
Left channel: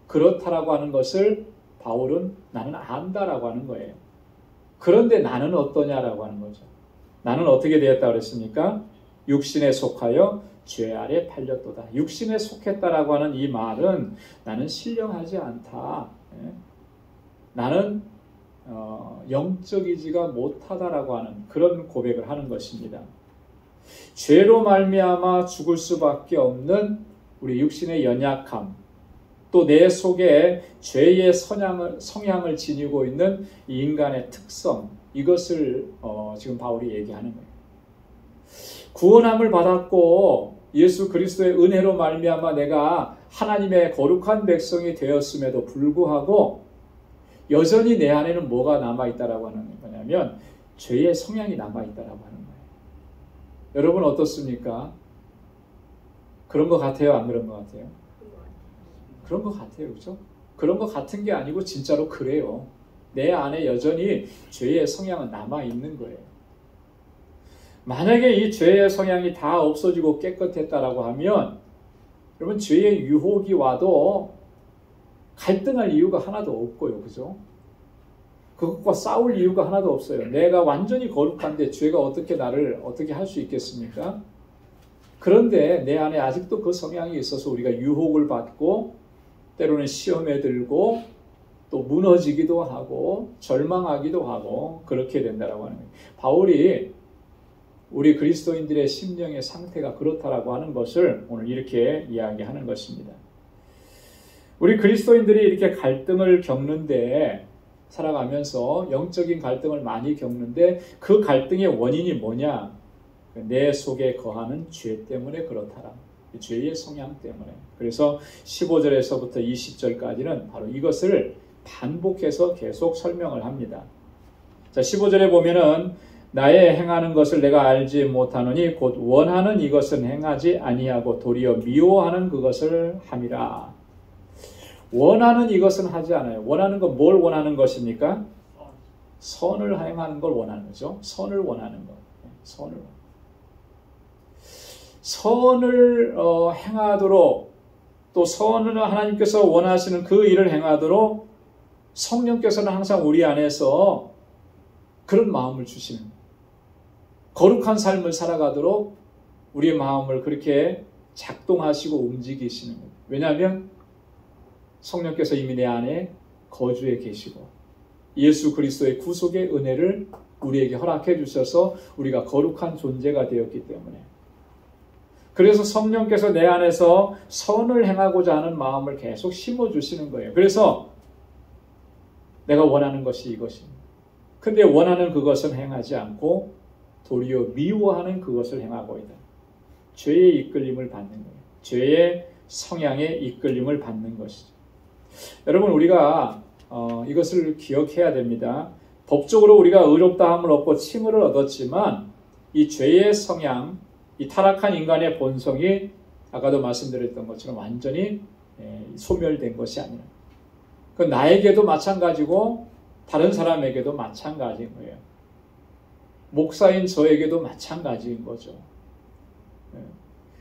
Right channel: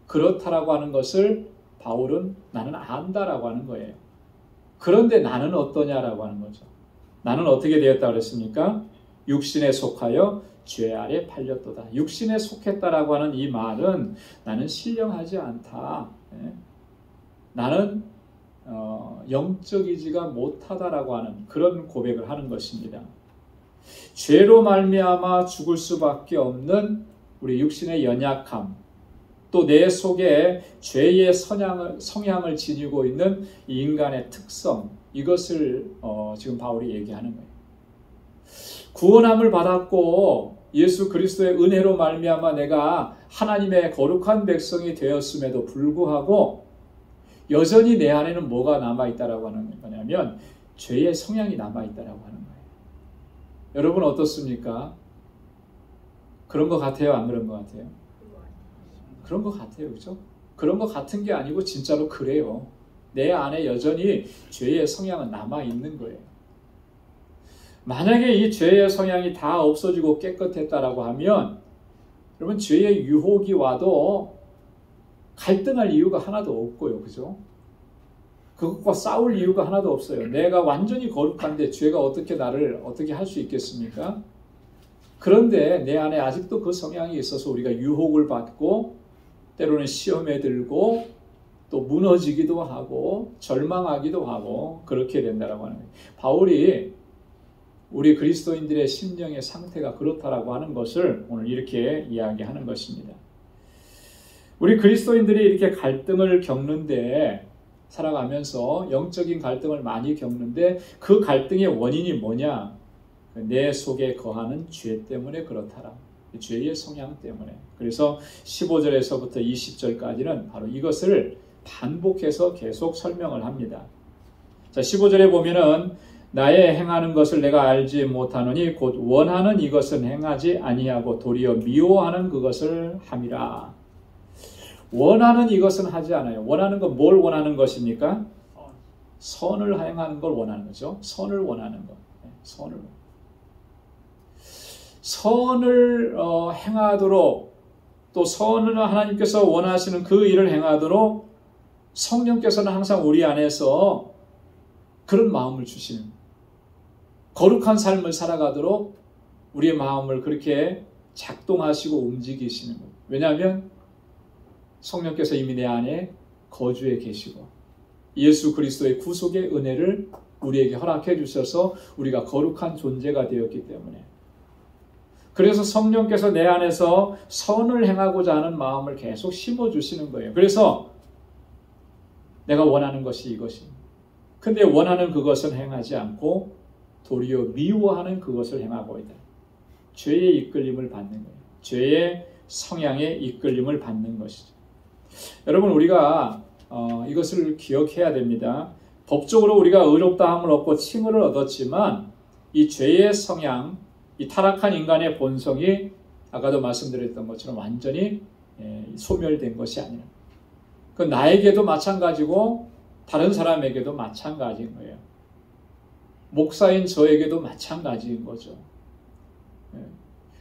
그렇다라고 하는 것을 바울은 나는 안다라고 하는 거예요. 그런데 나는 어떠냐라고 하는 거죠. 나는 어떻게 되었다 그랬습니까? 육신에 속하여 죄 아래 팔렸도다. 육신에 속했다라고 하는 이 말은 나는 신령하지 않다. 나는 영적이지가 못하다라고 하는 그런 고백을 하는 것입니다. 죄로 말미암아 죽을 수밖에 없는 우리 육신의 연약함, 또 내 속에 죄의 성향을 지니고 있는 이 인간의 특성, 이것을 지금 바울이 얘기하는 거예요. 구원함을 받았고 예수 그리스도의 은혜로 말미암아 내가 하나님의 거룩한 백성이 되었음에도 불구하고 여전히 내 안에는 뭐가 남아있다라고 하는 거냐면 죄의 성향이 남아있다라고 하는 거예요. 여러분 어떻습니까? 그런 것 같아요? 안 그런 것 같아요? 그런 것 같아요. 그렇죠? 그런 것 같은 게 아니고 진짜로 그래요. 내 안에 여전히 죄의 성향은 남아있는 거예요. 만약에 이 죄의 성향이 다 없어지고 깨끗했다라고 하면 여러분 죄의 유혹이 와도 갈등할 이유가 하나도 없고요. 그죠? 그것과 싸울 이유가 하나도 없어요. 내가 완전히 거룩한데 죄가 어떻게 나를 어떻게 할 수 있겠습니까? 그런데 내 안에 아직도 그 성향이 있어서 우리가 유혹을 받고 때로는 시험에 들고 또 무너지기도 하고 절망하기도 하고 그렇게 된다라고 하는 거예요. 바울이 우리 그리스도인들의 심령의 상태가 그렇다라고 하는 것을 오늘 이렇게 이야기하는 것입니다. 우리 그리스도인들이 이렇게 갈등을 겪는데 살아가면서 영적인 갈등을 많이 겪는데 그 갈등의 원인이 뭐냐? 내 속에 거하는 죄 때문에 그렇다라. 죄의 성향 때문에. 그래서 15절에서부터 20절까지는 바로 이것을 반복해서 계속 설명을 합니다. 자, 15절에 보면은 나의 행하는 것을 내가 알지 못하노니 곧 원하는 이것은 행하지 아니하고 도리어 미워하는 그것을 함이라. 원하는 이것은 하지 않아요. 원하는 건 뭘 원하는 것입니까? 선을 행하는 걸 원하는 거죠. 선을 원하는 것. 선을 행하도록 또 선을 하나님께서 원하시는 그 일을 행하도록 성령께서는 항상 우리 안에서 그런 마음을 주시는 거예요. 거룩한 삶을 살아가도록 우리의 마음을 그렇게 작동하시고 움직이시는 거예요. 왜냐하면 성령께서 이미 내 안에 거주해 계시고 예수 그리스도의 구속의 은혜를 우리에게 허락해 주셔서 우리가 거룩한 존재가 되었기 때문에 그래서 성령께서 내 안에서 선을 행하고자 하는 마음을 계속 심어주시는 거예요. 그래서 내가 원하는 것이 이것입니다. 근데 원하는 그것은 행하지 않고 도리어 미워하는 그것을 행하고 있다. 죄의 이끌림을 받는 거예요. 죄의 성향에 이끌림을 받는 것이죠. 여러분 우리가 이것을 기억해야 됩니다. 법적으로 우리가 의롭다함을 얻고 칭의를 얻었지만 이 죄의 성향, 이 타락한 인간의 본성이 아까도 말씀드렸던 것처럼 완전히 소멸된 것이 아니라 그 나에게도 마찬가지고 다른 사람에게도 마찬가지인 거예요. 목사인 저에게도 마찬가지인 거죠.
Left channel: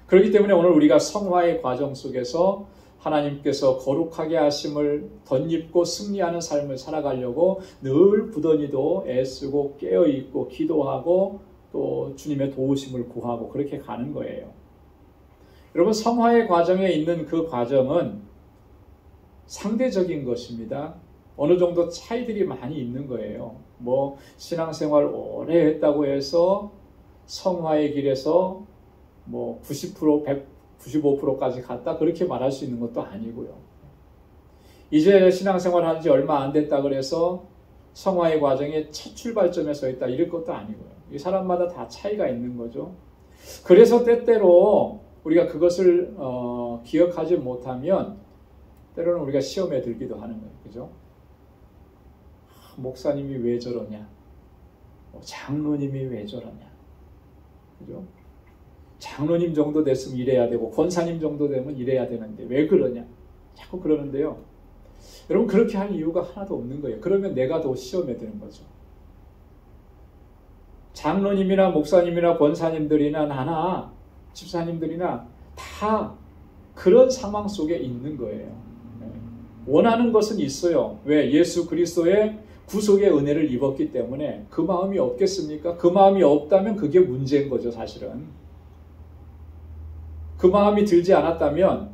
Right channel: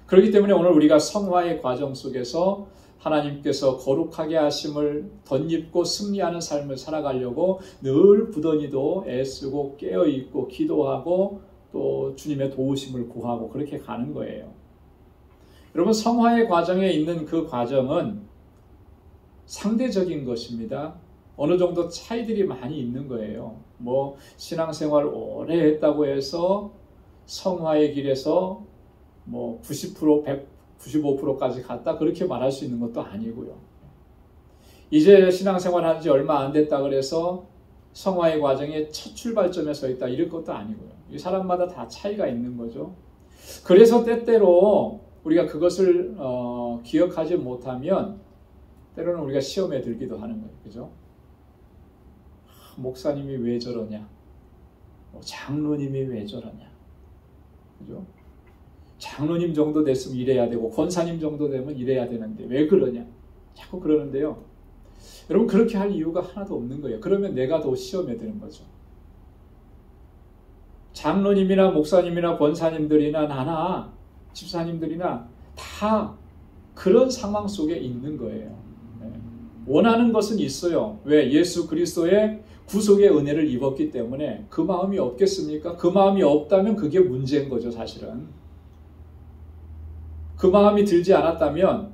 그렇기 때문에 오늘 우리가 성화의 과정 속에서 하나님께서 거룩하게 하심을 덧입고 승리하는 삶을 살아가려고 늘 부더니도 애쓰고 깨어있고 기도하고 또 주님의 도우심을 구하고 그렇게 가는 거예요. 여러분, 성화의 과정에 있는 그 과정은 상대적인 것입니다. 어느 정도 차이들이 많이 있는 거예요. 뭐 신앙생활 오래 했다고 해서 성화의 길에서 뭐 90%, 95%까지 갔다 그렇게 말할 수 있는 것도 아니고요. 이제 신앙생활 한 지 얼마 안 됐다 그래서 성화의 과정에 첫 출발점에 서 있다 이럴 것도 아니고요. 이 사람마다 다 차이가 있는 거죠. 그래서 때때로 우리가 그것을 기억하지 못하면 때로는 우리가 시험에 들기도 하는 거예요. 그죠? 목사님이 왜 저러냐? 장로님이 왜 저러냐? 그죠? 장로님 정도 됐으면 이래야 되고 권사님 정도 되면 이래야 되는데 왜 그러냐? 자꾸 그러는데요. 여러분, 그렇게 할 이유가 하나도 없는 거예요. 그러면 내가 더 시험에 드는 거죠. 장로님이나 목사님이나 권사님들이나 나나 집사님들이나 다 그런 상황 속에 있는 거예요. 원하는 것은 있어요. 왜? 예수 그리스도의 구속의 은혜를 입었기 때문에. 그 마음이 없겠습니까? 그 마음이 없다면 그게 문제인 거죠, 사실은. 그 마음이 들지 않았다면,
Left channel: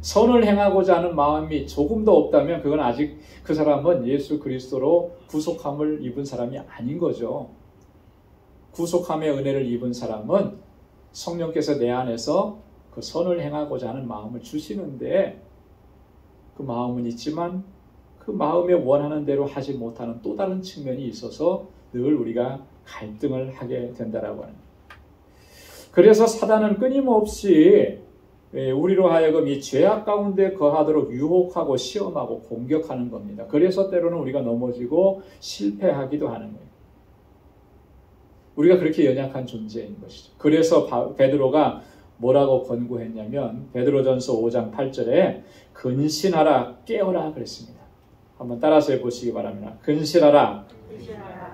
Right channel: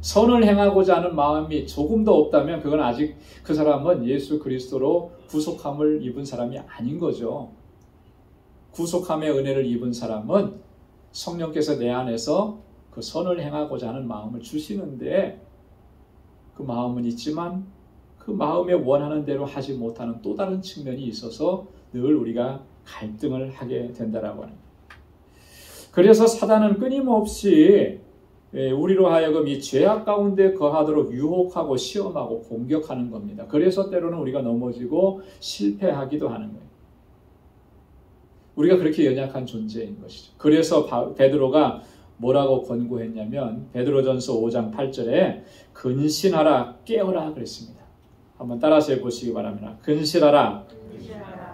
선을 행하고자 하는 마음이 조금 더 없다면 그건 아직 그 사람은 예수 그리스도로 구속함을 입은 사람이 아닌 거죠. 구속함의 은혜를 입은 사람은 성령께서 내 안에서 그 선을 행하고자 하는 마음을 주시는데, 그 마음은 있지만 그 마음에 원하는 대로 하지 못하는 또 다른 측면이 있어서 늘 우리가 갈등을 하게 된다라고 합니다. 그래서 사단은 끊임없이 우리로 하여금 이 죄악 가운데 거하도록 유혹하고 시험하고 공격하는 겁니다. 그래서 때로는 우리가 넘어지고 실패하기도 하는 거예요. 우리가 그렇게 연약한 존재인 것이죠. 그래서 베드로가 뭐라고 권고했냐면 베드로전서 5장 8절에 근신하라 깨어라 그랬습니다. 한번 따라서 해보시기 바랍니다. 근신하라,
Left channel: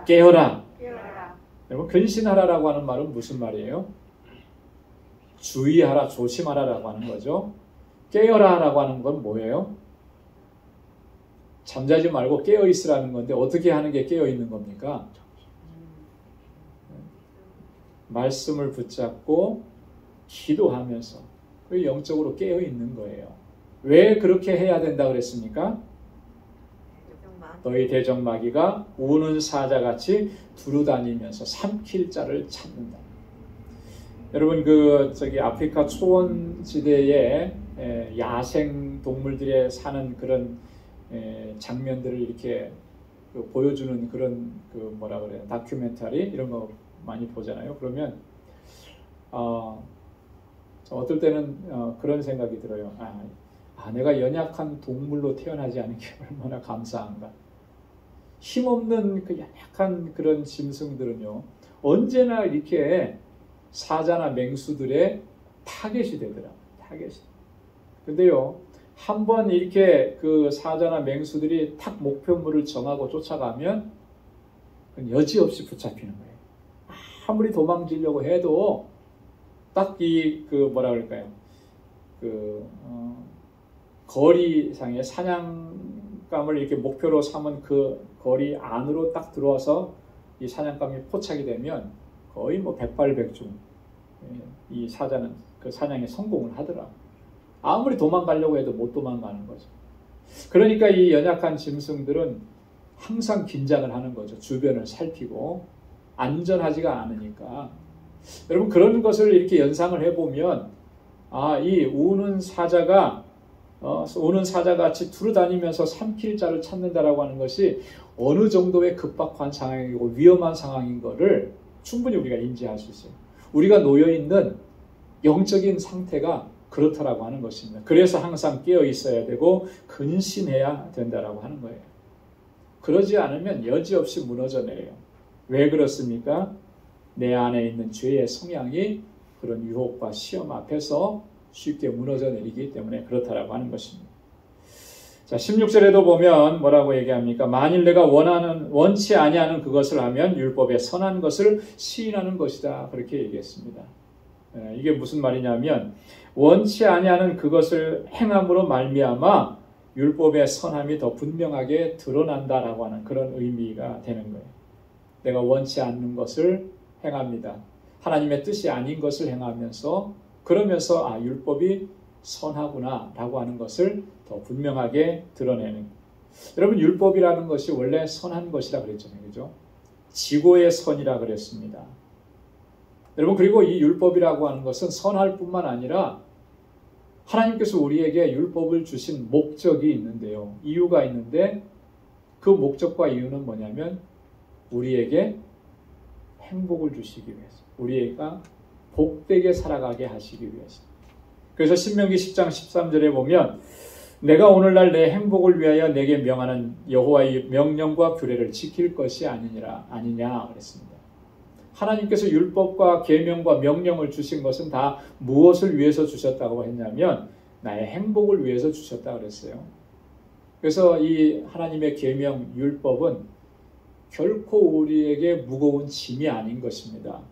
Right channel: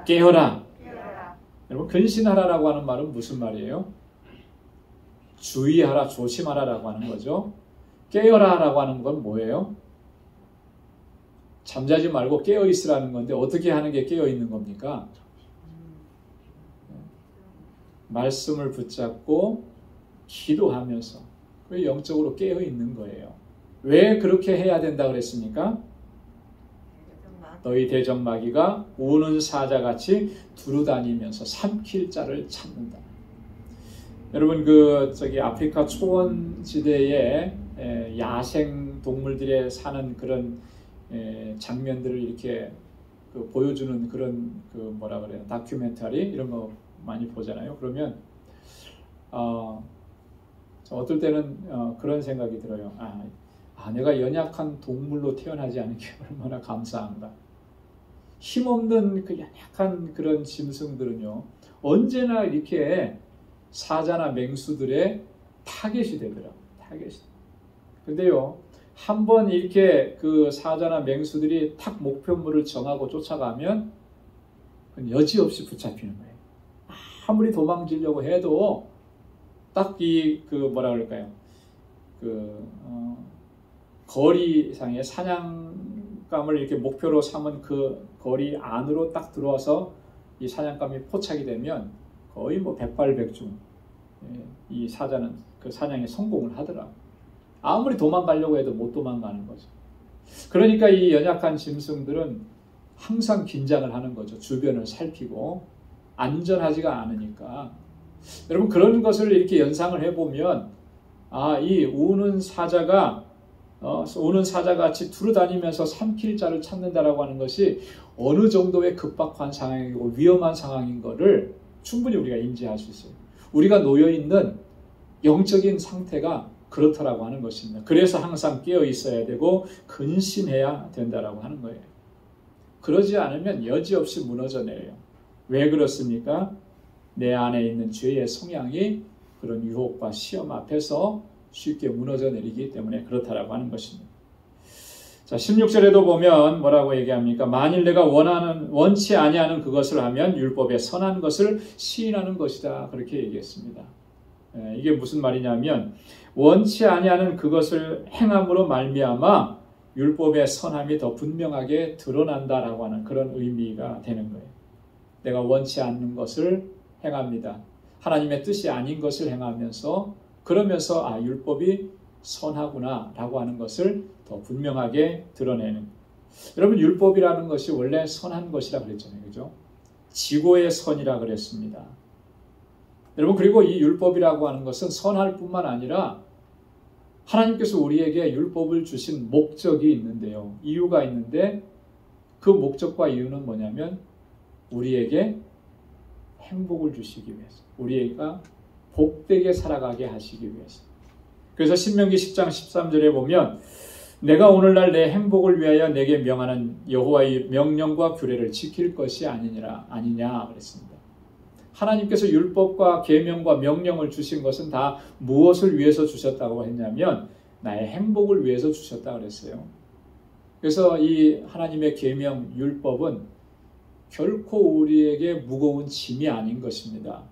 깨어라. 여러분, 근신하라라고 하는 말은 무슨 말이에요? 주의하라, 조심하라라고 하는 거죠. 깨어라라고 하는 건 뭐예요? 잠자지 말고 깨어있으라는 건데 어떻게 하는 게 깨어있는 겁니까? 말씀을 붙잡고 기도하면서 영적으로 깨어있는 거예요. 왜 그렇게 해야 된다 그랬습니까? 너희 대적마귀가 우는 사자같이 두루다니면서 삼킬 자를 찾는다. 여러분, 아프리카 초원지대에 야생 동물들이 사는 그런 장면들을 이렇게 보여주는 그런 뭐라 그래요? 다큐멘터리 이런 거 많이 보잖아요. 그러면 어떨 때는 그런 생각이 들어요. 내가 연약한 동물로 태어나지 않은 게 얼마나 감사한가. 힘없는 그 연약한 그런 짐승들은요, 언제나 이렇게 사자나 맹수들의 타겟이 되더라. 타겟이. 근데요, 한번 이렇게 그 사자나 맹수들이 탁 목표물을 정하고 쫓아가면 여지없이 붙잡히는 거예요. 아무리 도망치려고 해도 딱 뭐라 그럴까요? 거리상의 사냥감을 이렇게 목표로 삼은 그 거리 안으로 딱 들어와서 이 사냥감이 포착이 되면 거의 뭐 백발백중 이 사자는 그 사냥에 성공을 하더라. 아무리 도망가려고 해도 못 도망가는 거죠. 그러니까 이 연약한 짐승들은 항상 긴장을 하는 거죠. 주변을 살피고 안전하지가 않으니까. 여러분, 그런 것을 이렇게 연상을 해보면 이 우는 사자같이 두루다니면서 삼킬 자를 찾는다라고 하는 것이 어느 정도의 급박한 상황이고 위험한 상황인 것을 충분히 우리가 인지할 수 있어요. 우리가 놓여있는 영적인 상태가 그렇다라고 하는 것입니다. 그래서 항상 깨어 있어야 되고 근신해야 된다라고 하는 거예요. 그러지 않으면 여지없이 무너져 내려요. 왜 그렇습니까? 내 안에 있는 죄의 성향이 그런 유혹과 시험 앞에서 쉽게 무너져 내리기 때문에 그렇다라고 하는 것입니다. 자, 16절에도 보면 뭐라고 얘기합니까? 만일 내가 원치 아니하는 그것을 하면 율법의 선한 것을 시인하는 것이다. 그렇게 얘기했습니다. 이게 무슨 말이냐면 원치 아니하는 그것을 행함으로 말미암아 율법의 선함이 더 분명하게 드러난다라고 하는 그런 의미가 되는 거예요. 내가 원치 않는 것을 행합니다. 하나님의 뜻이 아닌 것을 행하면서 그러면서 율법이 선하구나 라고 하는 것을 더 분명하게 드러내는 거예요. 여러분 율법이라는 것이 원래 선한 것이라 그랬잖아요. 그죠? 지고의 선이라 그랬습니다. 여러분 그리고 이 율법이라고 하는 것은 선할 뿐만 아니라 하나님께서 우리에게 율법을 주신 목적이 있는데요. 이유가 있는데 그 목적과 이유는 뭐냐면 우리에게 행복을 주시기 위해서, 우리가 복되게 살아가게 하시기 위해서. 그래서 신명기 10장 13절에 보면 내가 오늘날 내 행복을 위하여 내게 명하는 여호와의 명령과 규례를 지킬 것이 아니냐 그랬습니다. 하나님께서 율법과 계명과 명령을 주신 것은 다 무엇을 위해서 주셨다고 했냐면 나의 행복을 위해서 주셨다고 그랬어요. 그래서 이 하나님의 계명 율법은 결코 우리에게 무거운 짐이 아닌 것입니다.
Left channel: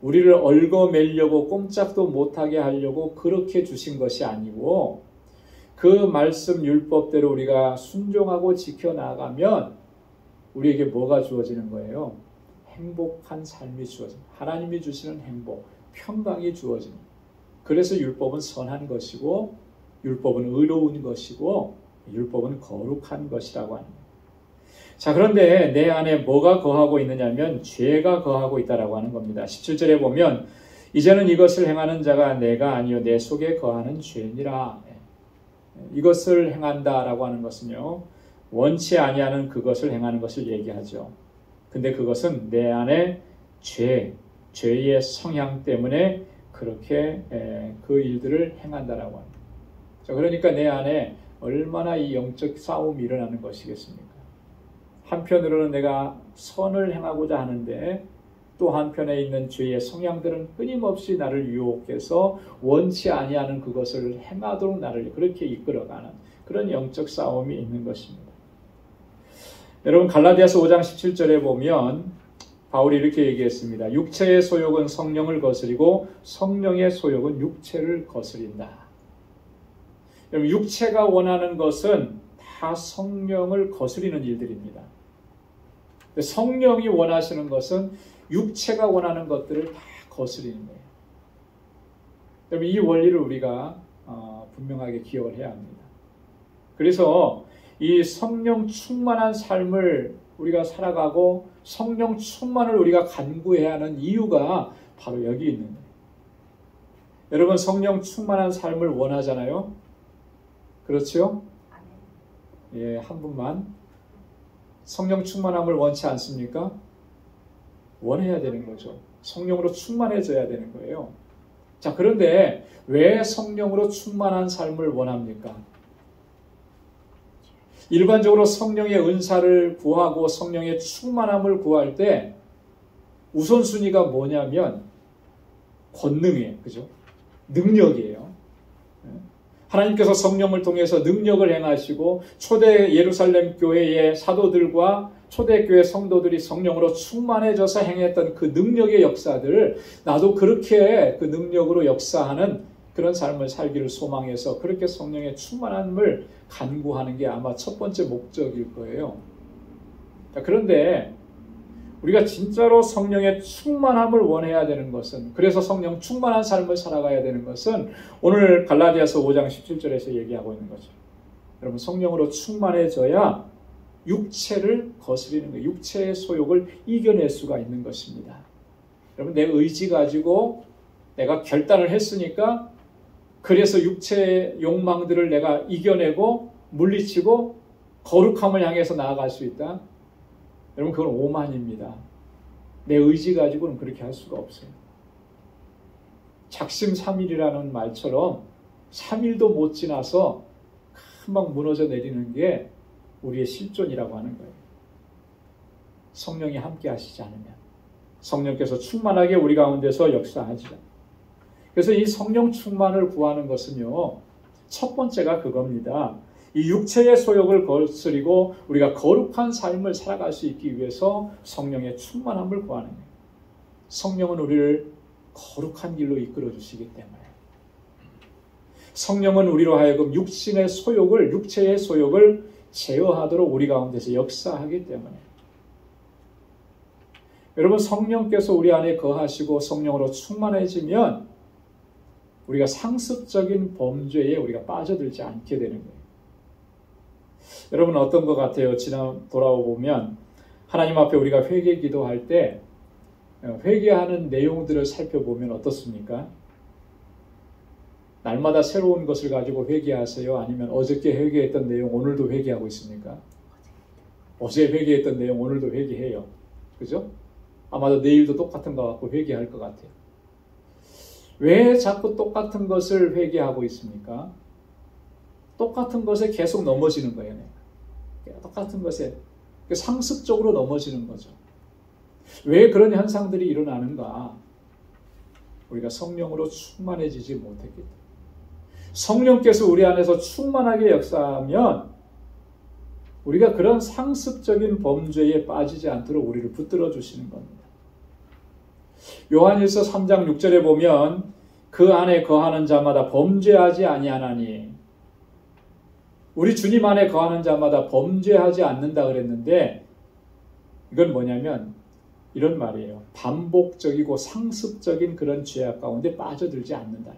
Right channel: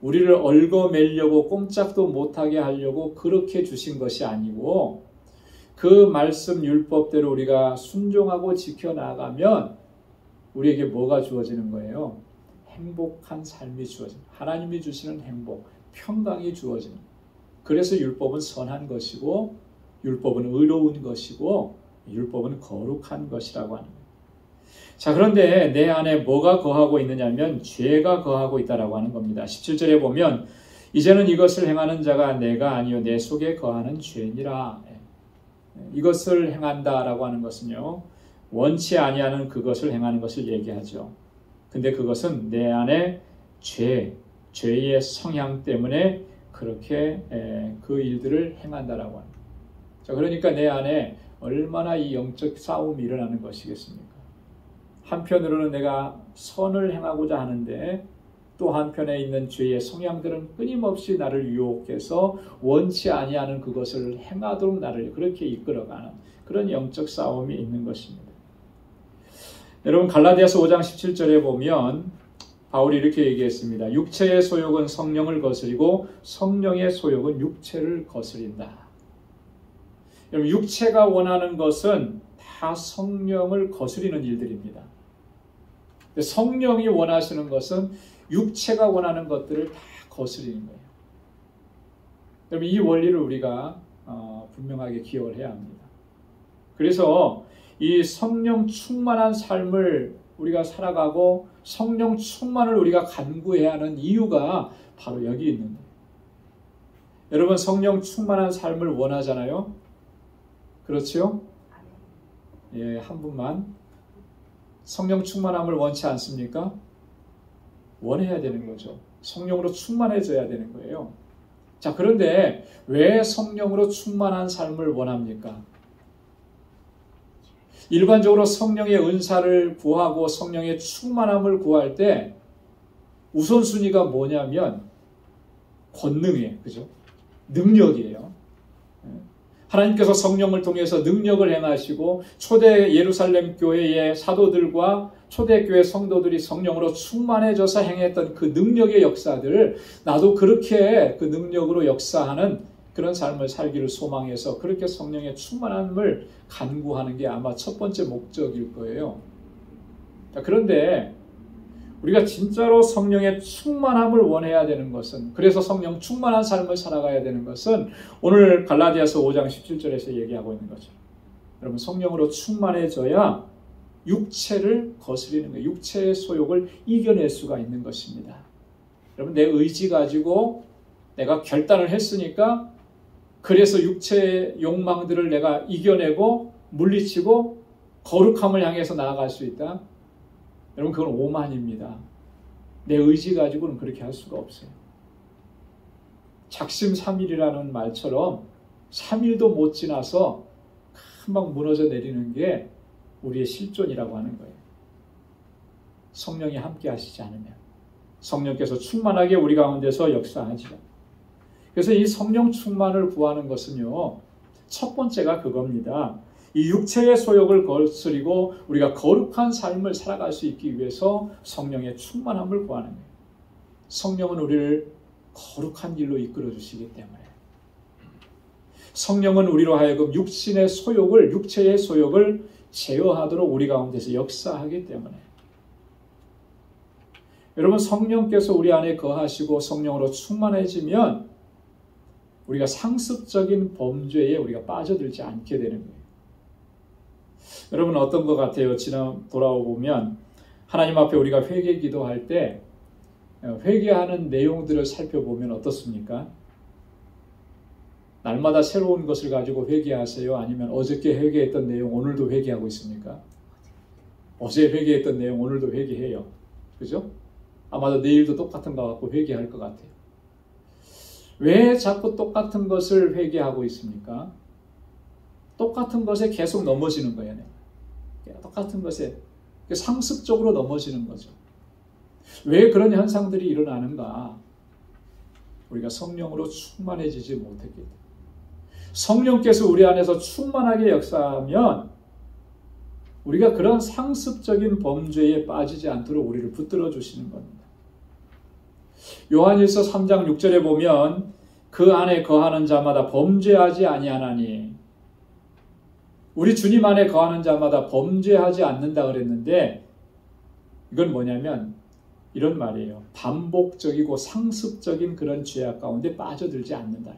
우리를 얽어매려고 꼼짝도 못하게 하려고 그렇게 주신 것이 아니고 그 말씀 율법대로 우리가 순종하고 지켜나가면 우리에게 뭐가 주어지는 거예요? 행복한 삶이 주어지는, 하나님이 주시는 행복, 평강이 주어지는. 그래서 율법은 선한 것이고 율법은 의로운 것이고 율법은 거룩한 것이라고 합니다. 자, 그런데 내 안에 뭐가 거하고 있느냐면 죄가 거하고 있다라고 하는 겁니다. 17절에 보면 이제는 이것을 행하는 자가 내가 아니요 내 속에 거하는 죄니라. 이것을 행한다라고 하는 것은요, 원치 아니하는 그것을 행하는 것을 얘기하죠. 근데 그것은 내 안에 죄의 성향 때문에 그렇게 그 일들을 행한다라고 합니다. 자, 그러니까 내 안에 얼마나 이 영적 싸움이 일어나는 것이겠습니까? 한편으로는 내가 선을 행하고자 하는데 또 한편에 있는 죄의 성향들은 끊임없이 나를 유혹해서 원치 아니하는 그것을 행하도록 나를 그렇게 이끌어가는 그런 영적 싸움이 있는 것입니다. 여러분 갈라디아서 5장 17절에 보면 바울이 이렇게 얘기했습니다. 육체의 소욕은 성령을 거스리고 성령의 소욕은 육체를 거스린다. 여러분 육체가 원하는 것은 다 성령을 거스리는 일들입니다. 성령이 원하시는 것은 육체가 원하는 것들을 다 거스리는 거예요. 여러분 이 원리를 우리가 분명하게 기억을 해야 합니다. 그래서 이 성령 충만한 삶을 우리가 살아가고 성령 충만을 우리가 간구해야 하는 이유가 바로 여기 있는 거예요. 여러분 성령 충만한 삶을 원하잖아요. 그렇죠? 예, 한 분만. 성령 충만함을 원치 않습니까? 원해야 되는 거죠. 성령으로 충만해져야 되는 거예요. 자, 그런데 왜 성령으로 충만한 삶을 원합니까? 일반적으로 성령의 은사를 구하고 성령의 충만함을 구할 때 우선순위가 뭐냐면 권능이에요. 그죠? 능력이에요. 하나님께서 성령을 통해서 능력을 행하시고 초대 예루살렘 교회의 사도들과 초대교회 성도들이 성령으로 충만해져서 행했던 그 능력의 역사들, 나도 그렇게 그 능력으로 역사하는 그런 삶을 살기를 소망해서 그렇게 성령의 충만함을 간구하는 게 아마 첫 번째 목적일 거예요. 그런데 우리가 진짜로 성령의 충만함을 원해야 되는 것은, 그래서 성령 충만한 삶을 살아가야 되는 것은 오늘 갈라디아서 5장 17절에서 얘기하고 있는 거죠. 여러분 성령으로 충만해져야 육체를 거스리는 거예요. 육체의 소욕을 이겨낼 수가 있는 것입니다. 여러분 내 의지 가지고 내가 결단을 했으니까 그래서 육체의 욕망들을 내가 이겨내고 물리치고 거룩함을 향해서 나아갈 수 있다. 여러분 그건 오만입니다. 내 의지 가지고는 그렇게 할 수가 없어요. 작심삼일이라는 말처럼 3일도 못 지나서 금방 무너져 내리는 게 우리의 실존이라고 하는 거예요. 성령이 함께 하시지 않으면, 성령께서 충만하게 우리 가운데서 역사하지 않으면. 그래서 이 성령 충만을 구하는 것은요, 첫 번째가 그겁니다. 이 육체의 소욕을 거스리고 우리가 거룩한 삶을 살아갈 수 있기 위해서 성령의 충만함을 구하는 거예요. 성령은 우리를 거룩한 길로 이끌어 주시기 때문에 성령은 우리로 하여금 육체의 소욕을 제어하도록 우리 가운데서 역사하기 때문에 여러분 성령께서 우리 안에 거하시고 성령으로 충만해지면 우리가 상습적인 범죄에 우리가 빠져들지 않게 되는 거예요. 여러분 어떤 것 같아요? 돌아보면 하나님 앞에 우리가 회개 기도할 때 회개하는 내용들을 살펴보면 어떻습니까? 날마다 새로운 것을 가지고 회개하세요? 아니면 어저께 회개했던 내용 오늘도 회개하고 있습니까? 어제 회개했던 내용 오늘도 회개해요. 그죠? 아마도 내일도 똑같은 거 갖고 회개할 것 같아요. 왜 자꾸 똑같은 것을 회개하고 있습니까? 똑같은 것에 계속 넘어지는 거예요. 내가. 똑같은 것에 상습적으로 넘어지는 거죠. 왜 그런 현상들이 일어나는가? 우리가 성령으로 충만해지지 못했기 때문에. 성령께서 우리 안에서 충만하게 역사하면 우리가 그런 상습적인 범죄에 빠지지 않도록 우리를 붙들어 주시는 겁니다. 요한일서 3장 6절에 보면 그 안에 거하는 자마다 범죄하지 아니하나니 우리 주님 안에 거하는 자마다 범죄하지 않는다 그랬는데 이건 뭐냐면 이런 말이에요. 반복적이고 상습적인 그런 죄악 가운데 빠져들지 않는다.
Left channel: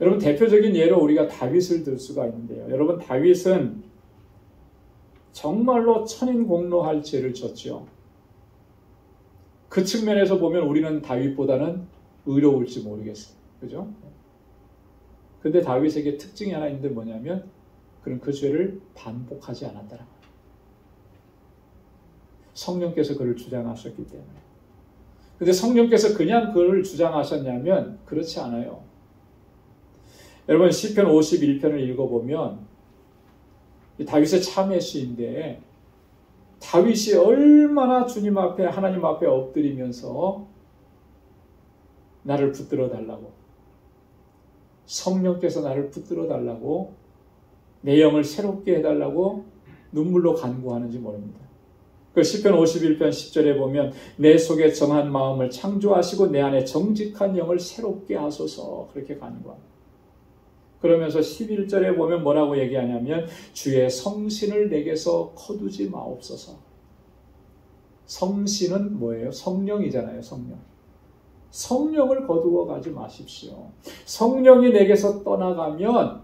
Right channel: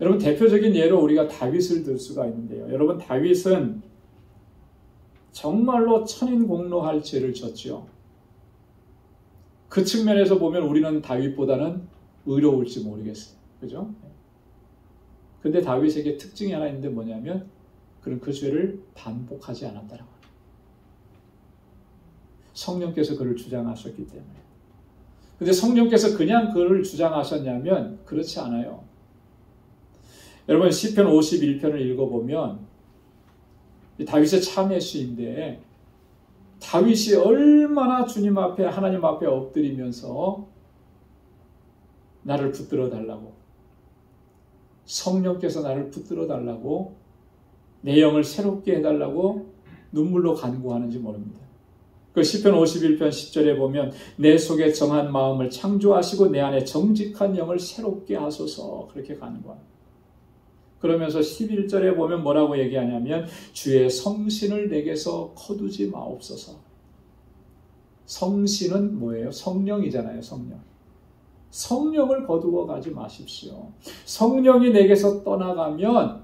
여러분 대표적인 예로 우리가 다윗을 들 수가 있는데요. 여러분 다윗은 정말로 천인공노할 죄를 졌죠. 그 측면에서 보면 우리는 다윗보다는 의로울지 모르겠어요. 그죠? 근데 다윗에게 특징이 하나 있는데 뭐냐면 그는 그 죄를 반복하지 않았다는 거예요. 성령께서 그를 주장하셨기 때문에. 근데 성령께서 그냥 그를 주장하셨냐면 그렇지 않아요. 여러분 시편 51편을 읽어보면 다윗의 참회 시인데 다윗이 얼마나 주님 앞에 하나님 앞에 엎드리면서 나를 붙들어 달라고 성령께서 나를 붙들어 달라고 내 영을 새롭게 해달라고 눈물로 간구하는지 모릅니다. 그 시편 51편 10절에 보면 내 속에 정한 마음을 창조하시고 내 안에 정직한 영을 새롭게 하소서 그렇게 간구합니다. 그러면서 11절에 보면 뭐라고 얘기하냐면 주의 성신을 내게서 거두지 마옵소서. 성신은 뭐예요? 성령이잖아요. 성령. 성령을 거두어 가지 마십시오. 성령이 내게서 떠나가면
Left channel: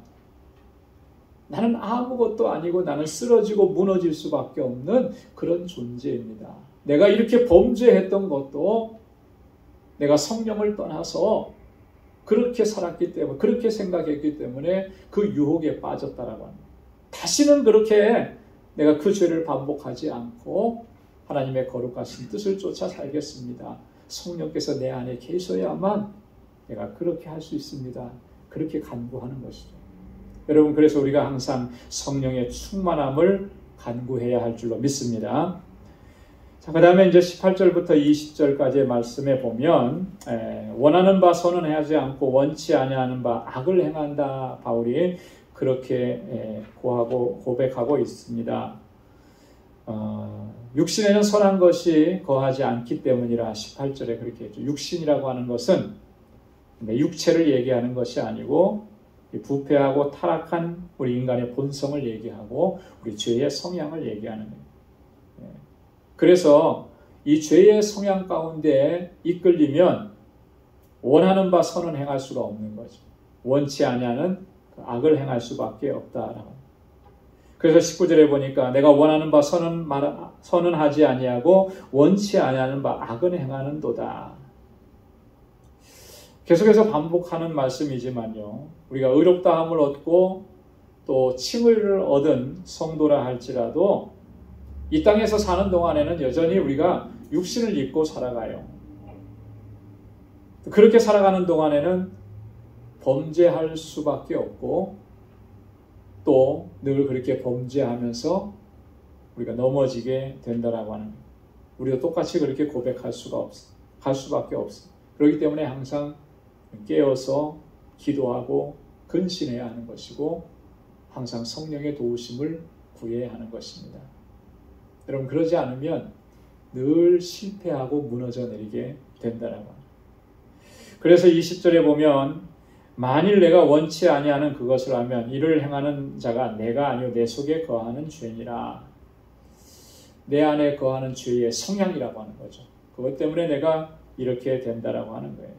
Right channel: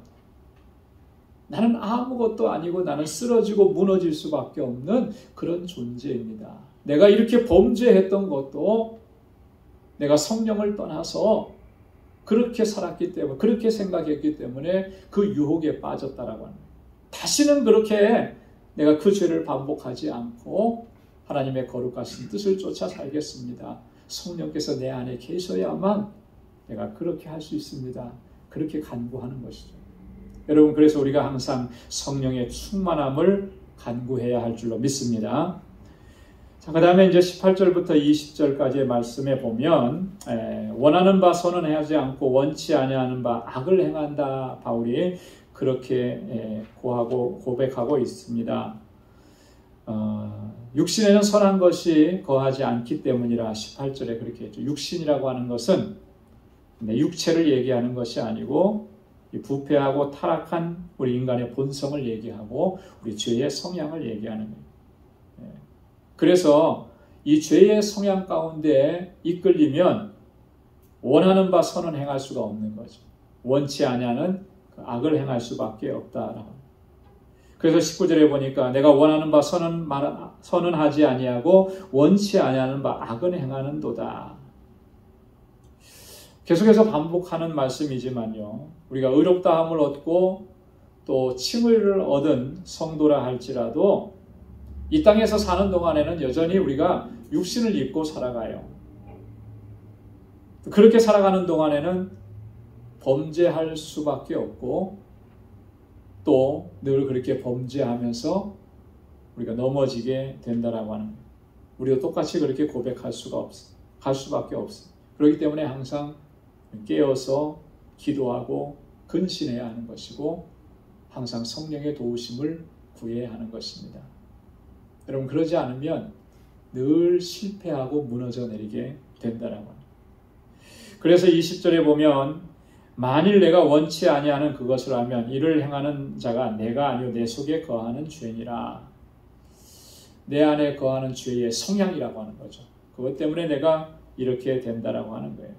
나는 아무것도 아니고 나는 쓰러지고 무너질 수밖에 없는 그런 존재입니다. 내가 이렇게 범죄했던 것도 내가 성령을 떠나서 그렇게 살았기 때문에 그렇게 생각했기 때문에 그 유혹에 빠졌다라고 합니다. 다시는 그렇게 내가 그 죄를 반복하지 않고 하나님의 거룩하신 뜻을 쫓아 살겠습니다. 성령께서 내 안에 계셔야만 내가 그렇게 할 수 있습니다. 그렇게 간구하는 것이죠. 여러분 그래서 우리가 항상 성령의 충만함을 간구해야 할 줄로 믿습니다. 자, 그 다음에 이제 18절부터 20절까지의 말씀에 보면 원하는 바 선언하지 않고 원치 아니하는 바 악을 행한다 바울이 그렇게 고백하고 있습니다. 육신에는 선한 것이 거하지 않기 때문이라 18절에 그렇게 했죠. 육신이라고 하는 것은 육체를 얘기하는 것이 아니고 부패하고 타락한 우리 인간의 본성을 얘기하고 우리 죄의 성향을 얘기하는 거예요. 그래서 이 죄의 성향 가운데 이끌리면 원하는 바 선은 행할 수가 없는 거죠. 원치 아니하는 악을 행할 수밖에 없다라고. 그래서 19절에 보니까 내가 원하는 바 선은 하지 아니하고 원치 아니하는 바 악은 행하는도다. 계속해서 반복하는 말씀이지만요. 우리가 의롭다함을 얻고 또 칭의를 얻은 성도라 할지라도 이 땅에서 사는 동안에는 여전히 우리가 육신을 입고 살아가요. 그렇게 살아가는 동안에는 범죄할 수밖에 없고 또 늘 그렇게 범죄하면서 우리가 넘어지게 된다라고 하는 거예요. 우리도 똑같이 그렇게 고백할 수밖에 없어요. 그렇기 때문에 항상 깨어서 기도하고 근신해야 하는 것이고 항상 성령의 도우심을 구해야 하는 것입니다. 여러분 그러지 않으면 늘 실패하고 무너져 내리게 된다라고. 그래서 20절에 보면 만일 내가 원치 아니하는 그것을 하면 이를 행하는 자가 내가 아니요 내 속에 거하는 죄니라. 내 안에 거하는 죄의 성향이라고 하는 거죠. 그것 때문에 내가 이렇게 된다라고 하는 거예요.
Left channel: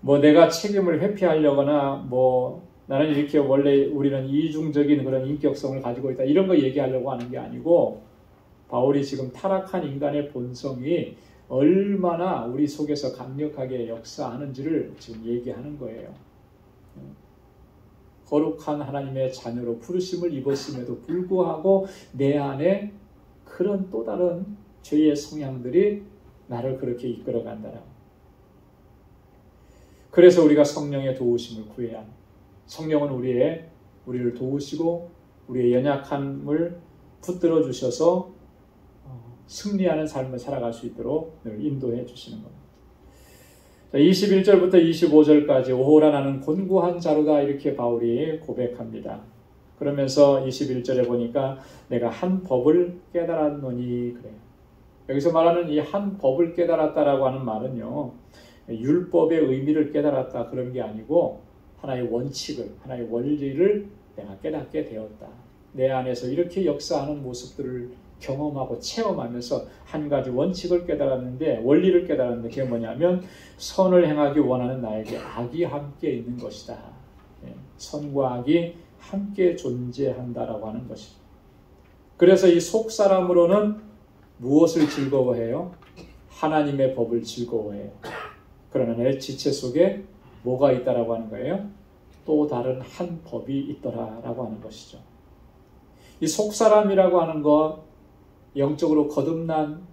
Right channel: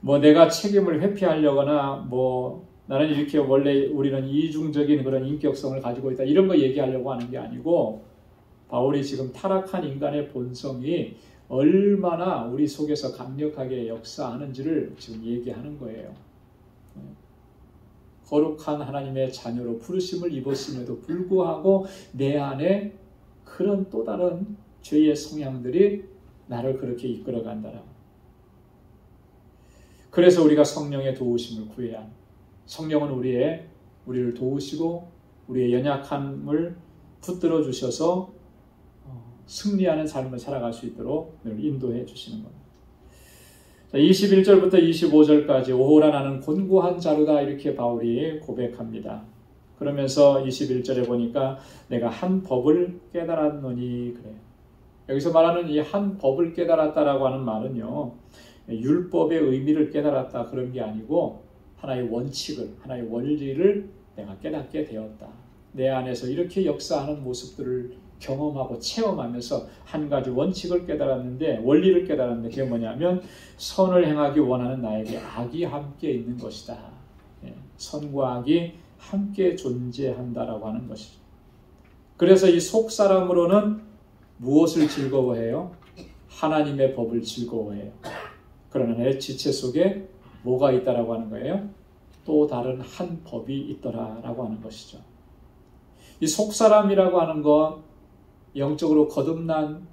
뭐 내가 책임을 회피하려거나 뭐 나는 이렇게 원래 우리는 이중적인 그런 인격성을 가지고 있다 이런 거 얘기하려고 하는 게 아니고 바울이 지금 타락한 인간의 본성이 얼마나 우리 속에서 강력하게 역사하는지를 지금 얘기하는 거예요. 거룩한 하나님의 자녀로 부르심을 입었음에도 불구하고 내 안에 그런 또 다른 죄의 성향들이 나를 그렇게 이끌어 간다라고. 그래서 우리가 성령의 도우심을 구해야 합니다. 성령은 우리를 도우시고 우리의 연약함을 붙들어 주셔서 승리하는 삶을 살아갈 수 있도록 늘 인도해 주시는 겁니다. 21절부터 25절까지 오호라 나는 곤고한 자로다 이렇게 바울이 고백합니다. 그러면서 21절에 보니까 내가 한 법을 깨달았노니 그래요. 여기서 말하는 이 한 법을 깨달았다라고 하는 말은요. 율법의 의미를 깨달았다 그런 게 아니고 하나의 원칙을, 하나의 원리를 내가 깨닫게 되었다. 내 안에서 이렇게 역사하는 모습들을 경험하고 체험하면서 한 가지 원칙을 깨달았는데 원리를 깨달았는데 그게 뭐냐면 선을 행하기 원하는 나에게 악이 함께 있는 것이다. 선과 악이 함께 존재한다라고 하는 것이죠. 그래서 이 속사람으로는 무엇을 즐거워해요? 하나님의 법을 즐거워해요. 그러나 내 지체 속에 뭐가 있다라고 하는 거예요? 또 다른 한 법이 있더라라고 하는 것이죠. 이 속사람이라고 하는 것 영적으로 거듭난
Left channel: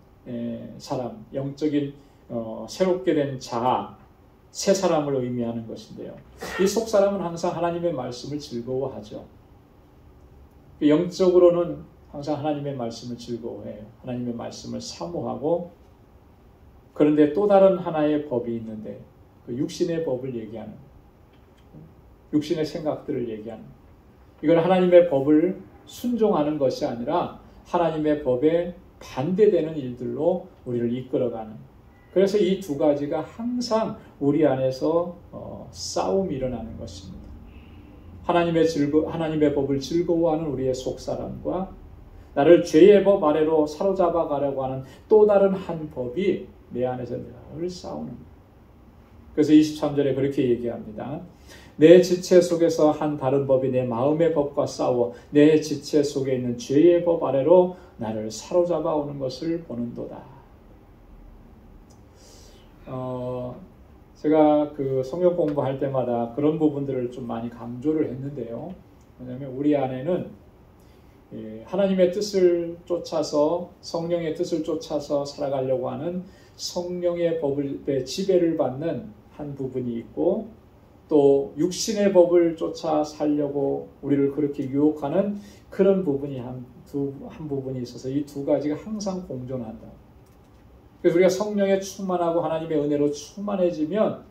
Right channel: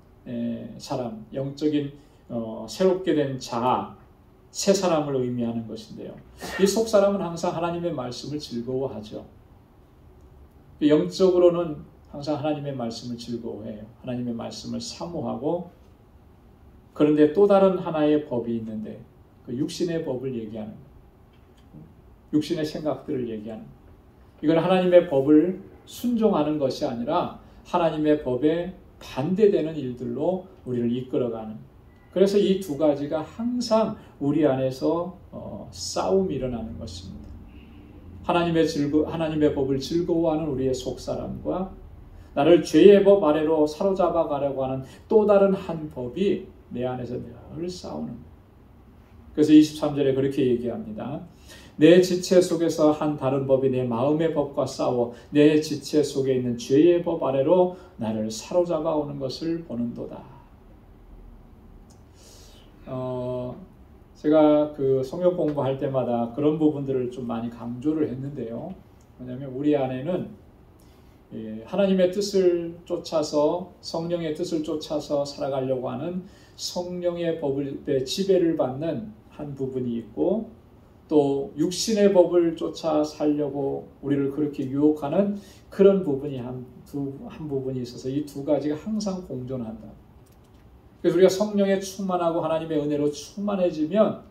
사람, 영적인 새롭게 된 자, 새 사람을 의미하는 것인데요. 이 속사람은 항상 하나님의 말씀을 즐거워하죠. 영적으로는 항상 하나님의 말씀을 즐거워해요. 하나님의 말씀을 사모하고 그런데 또 다른 하나의 법이 있는데 그 육신의 법을 얘기하는 거예요. 육신의 생각들을 얘기하는 거예요. 이건 하나님의 법을 순종하는 것이 아니라 하나님의 법에 반대되는 일들로 우리를 이끌어가는. 그래서 이 두 가지가 항상 우리 안에서 싸움이 일어나는 것입니다. 하나님의 법을 즐거워하는 우리의 속사람과 나를 죄의 법 아래로 사로잡아 가려고 하는 또 다른 한 법이 내 안에서 늘 싸우는 거예요. 그래서 23절에 그렇게 얘기합니다. 내 지체 속에서 한 다른 법이 내 마음의 법과 싸워 내 지체 속에 있는 죄의 법 아래로 나를 사로잡아 오는 것을 보는도다. 제가 그 성경 공부할 때마다 그런 부분들을 좀 많이 강조를 했는데요. 왜냐하면 우리 안에는 하나님의 뜻을 쫓아서 성령의 뜻을 쫓아서 살아가려고 하는 성령의 법의 지배를 받는 한 부분이 있고 또 육신의 법을 쫓아 살려고 우리를 그렇게 유혹하는 그런 부분이 한 부분이 있어서 이 두 가지가 항상 공존한다. 그래서 우리가 성령에 충만하고 하나님의 은혜로 충만해지면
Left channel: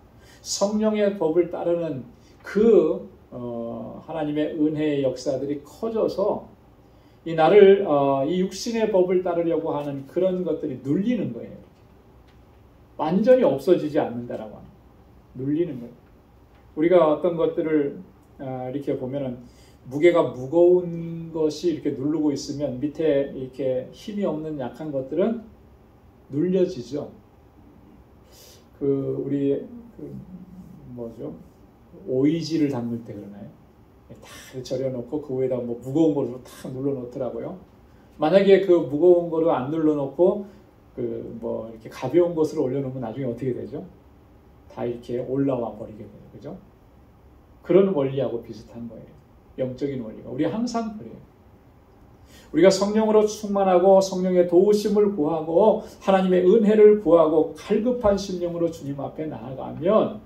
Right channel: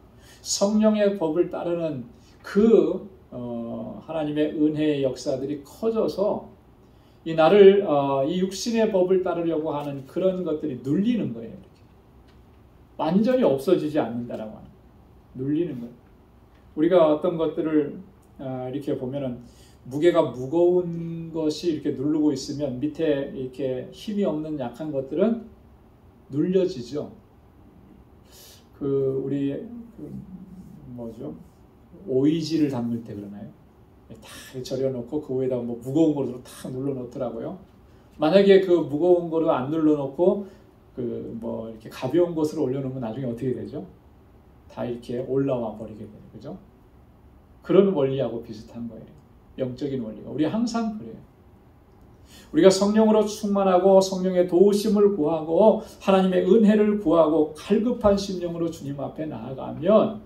성령의 법을 따르는 그 하나님의 은혜의 역사들이 커져서 이 나를 이 육신의 법을 따르려고 하는 그런 것들이 눌리는 거예요. 이렇게. 완전히 없어지지 않는다라고 하는 눌리는 거예요. 우리가 어떤 것들을 이렇게 보면은 무게가 무거운 것이 이렇게 누르고 있으면 밑에 이렇게 힘이 없는 약한 것들은 눌려지죠. 우리 뭐죠? 오이지를 담글 때 그러나요? 다 절여놓고 그 위에다 뭐 무거운 거로 탁 눌러놓더라고요. 만약에 그 무거운 거를 안 눌러놓고 뭐 이렇게 가벼운 것으로 올려놓으면 나중에 어떻게 되죠? 다 이렇게 올라와 버리게 돼요. 그죠? 그런 원리하고 비슷한 거예요. 영적인 원리가. 우리 항상 그래요. 우리가 성령으로 충만하고 성령의 도우심을 구하고 하나님의 은혜를 구하고 갈급한 심령으로 주님 앞에 나아가면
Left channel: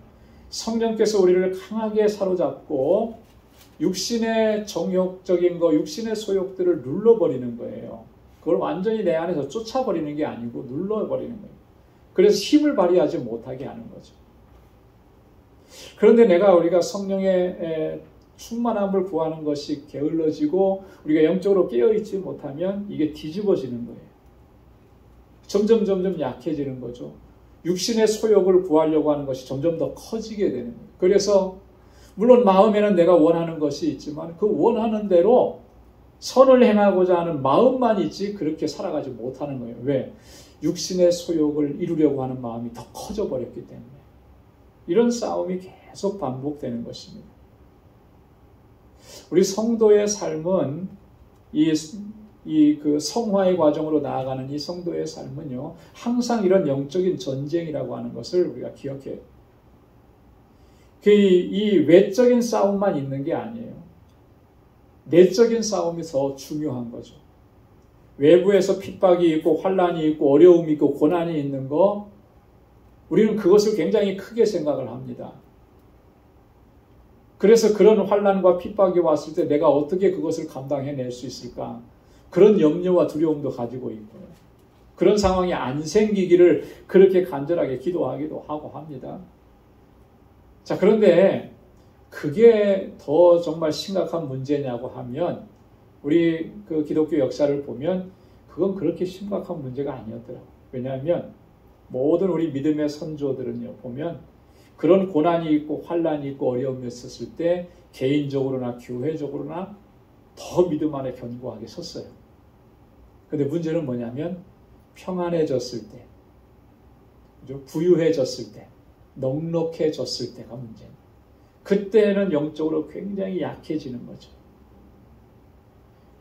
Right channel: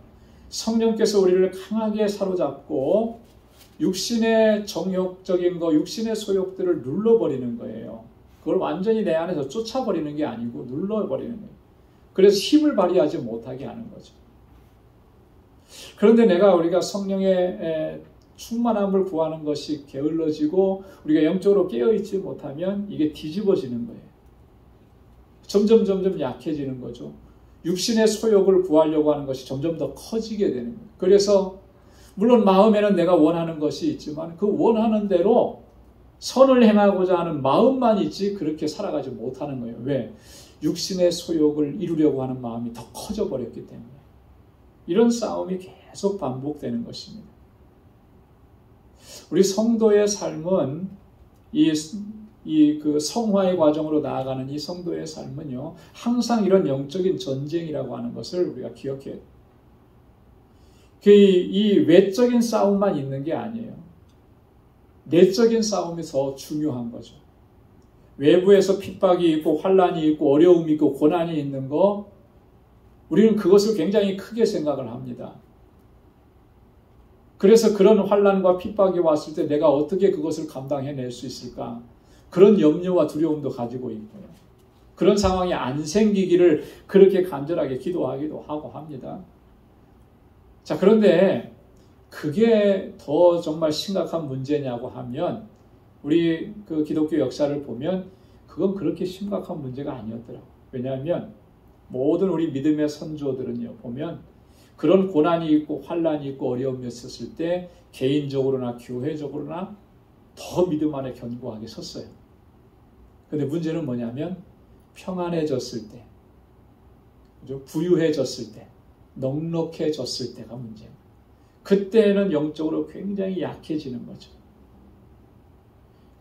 성령께서 우리를 강하게 사로잡고 육신의 정욕적인 거, 육신의 소욕들을 눌러버리는 거예요. 그걸 완전히 내 안에서 쫓아버리는 게 아니고 눌러버리는 거예요. 그래서 힘을 발휘하지 못하게 하는 거죠. 그런데 우리가 성령의 충만함을 구하는 것이 게을러지고 우리가 영적으로 깨어있지 못하면 이게 뒤집어지는 거예요. 점점 약해지는 거죠. 육신의 소욕을 구하려고 하는 것이 점점 더 커지게 되는 거예요. 그래서 물론 마음에는 내가 원하는 것이 있지만 그 원하는 대로 선을 행하고자 하는 마음만 있지 그렇게 살아가지 못하는 거예요. 왜? 육신의 소욕을 이루려고 하는 마음이 더 커져 버렸기 때문에. 이런 싸움이 계속 반복되는 것입니다. 우리 성도의 삶은 그 성화의 과정으로 나아가는 이 성도의 삶은요, 항상 이런 영적인 전쟁이라고 하는 것을 우리가 기억해야 돼요. 이 외적인 싸움만 있는 게 아니에요. 내적인 싸움이 더 중요한 거죠. 외부에서 핍박이 있고 환난이 있고 어려움이 있고 고난이 있는 거, 우리는 그것을 굉장히 크게 생각을 합니다. 그래서 그런 환난과 핍박이 왔을 때 내가 어떻게 그것을 감당해낼 수 있을까? 그런 염려와 두려움도 가지고 있고, 그런 상황이 안 생기기를 그렇게 간절하게 기도하기도 하고 합니다. 자, 그런데 그게 더 정말 심각한 문제냐고 하면, 우리 그 기독교 역사를 보면 그건 그렇게 심각한 문제가 아니었더라고요. 왜냐하면 모든 우리 믿음의 선조들은요, 보면 그런 고난이 있고 환난이 있고 어려움이 있었을 때 개인적으로나 교회적으로나 더 믿음 안에 견고하게 섰어요. 근데 문제는 뭐냐면 평안해졌을 때, 그죠? 부유해졌을 때, 넉넉해졌을 때가 문제예요. 그때는 영적으로 굉장히 약해지는 거죠.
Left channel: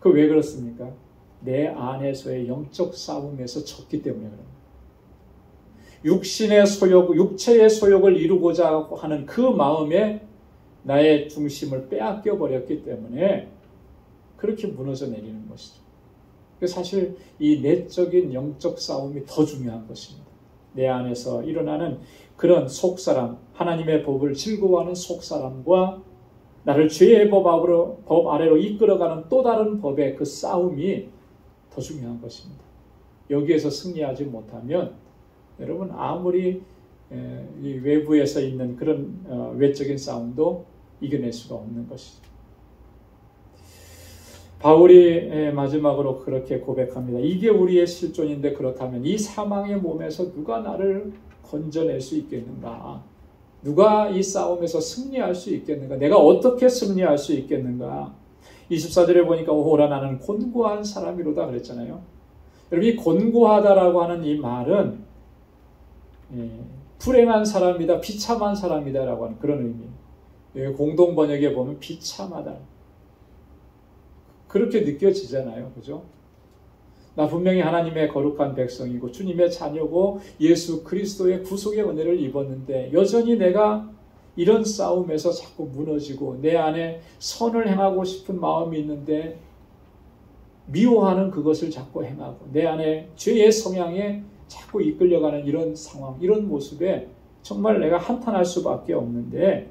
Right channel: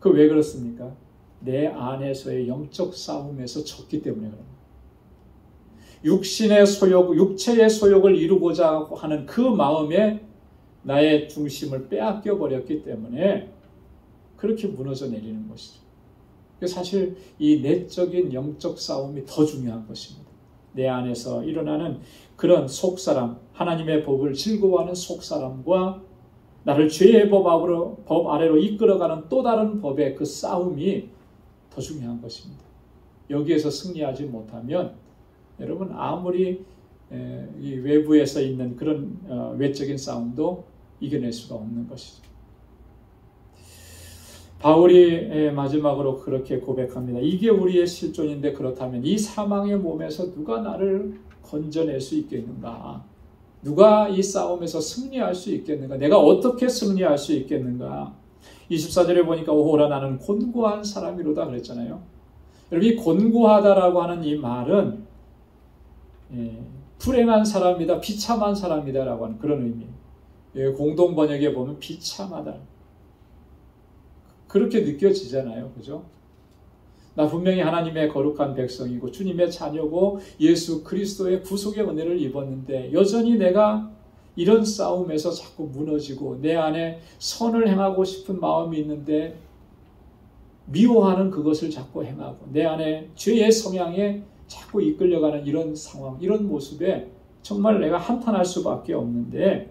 그 왜 그렇습니까? 내 안에서의 영적 싸움에서 졌기 때문에 그래요. 육신의 소욕, 육체의 소욕을 이루고자 하는 그 마음에 나의 중심을 빼앗겨 버렸기 때문에 그렇게 무너져 내리는 것이죠. 사실 이 내적인 영적 싸움이 더 중요한 것입니다. 내 안에서 일어나는 그런 속사람, 하나님의 법을 즐거워하는 속사람과 나를 죄의 법 아래로 이끌어가는 또 다른 법의 그 싸움이 더 중요한 것입니다. 여기에서 승리하지 못하면 여러분 아무리 이 외부에서 있는 그런 외적인 싸움도 이겨낼 수가 없는 것이죠. 바울이 마지막으로 그렇게 고백합니다. 이게 우리의 실존인데 그렇다면 이 사망의 몸에서 누가 나를 건져낼 수 있겠는가? 누가 이 싸움에서 승리할 수 있겠는가? 내가 어떻게 승리할 수 있겠는가? 24절에 보니까 오호라 나는 곤고한 사람이로다 그랬잖아요. 여러분 이 곤고하다라고 하는 이 말은 불행한 사람이다, 비참한 사람이다 라고 하는 그런 의미. 공동 번역에 보면 비참하다. 그렇게 느껴지잖아요. 그죠? 나 분명히 하나님의 거룩한 백성이고 주님의 자녀고 예수 그리스도의 구속의 은혜를 입었는데 여전히 내가 이런 싸움에서 자꾸 무너지고 내 안에 선을 행하고 싶은 마음이 있는데 미워하는 그것을 자꾸 행하고 내 안에 죄의 성향에 자꾸 이끌려가는 이런 상황, 이런 모습에 정말 내가 한탄할 수밖에 없는데,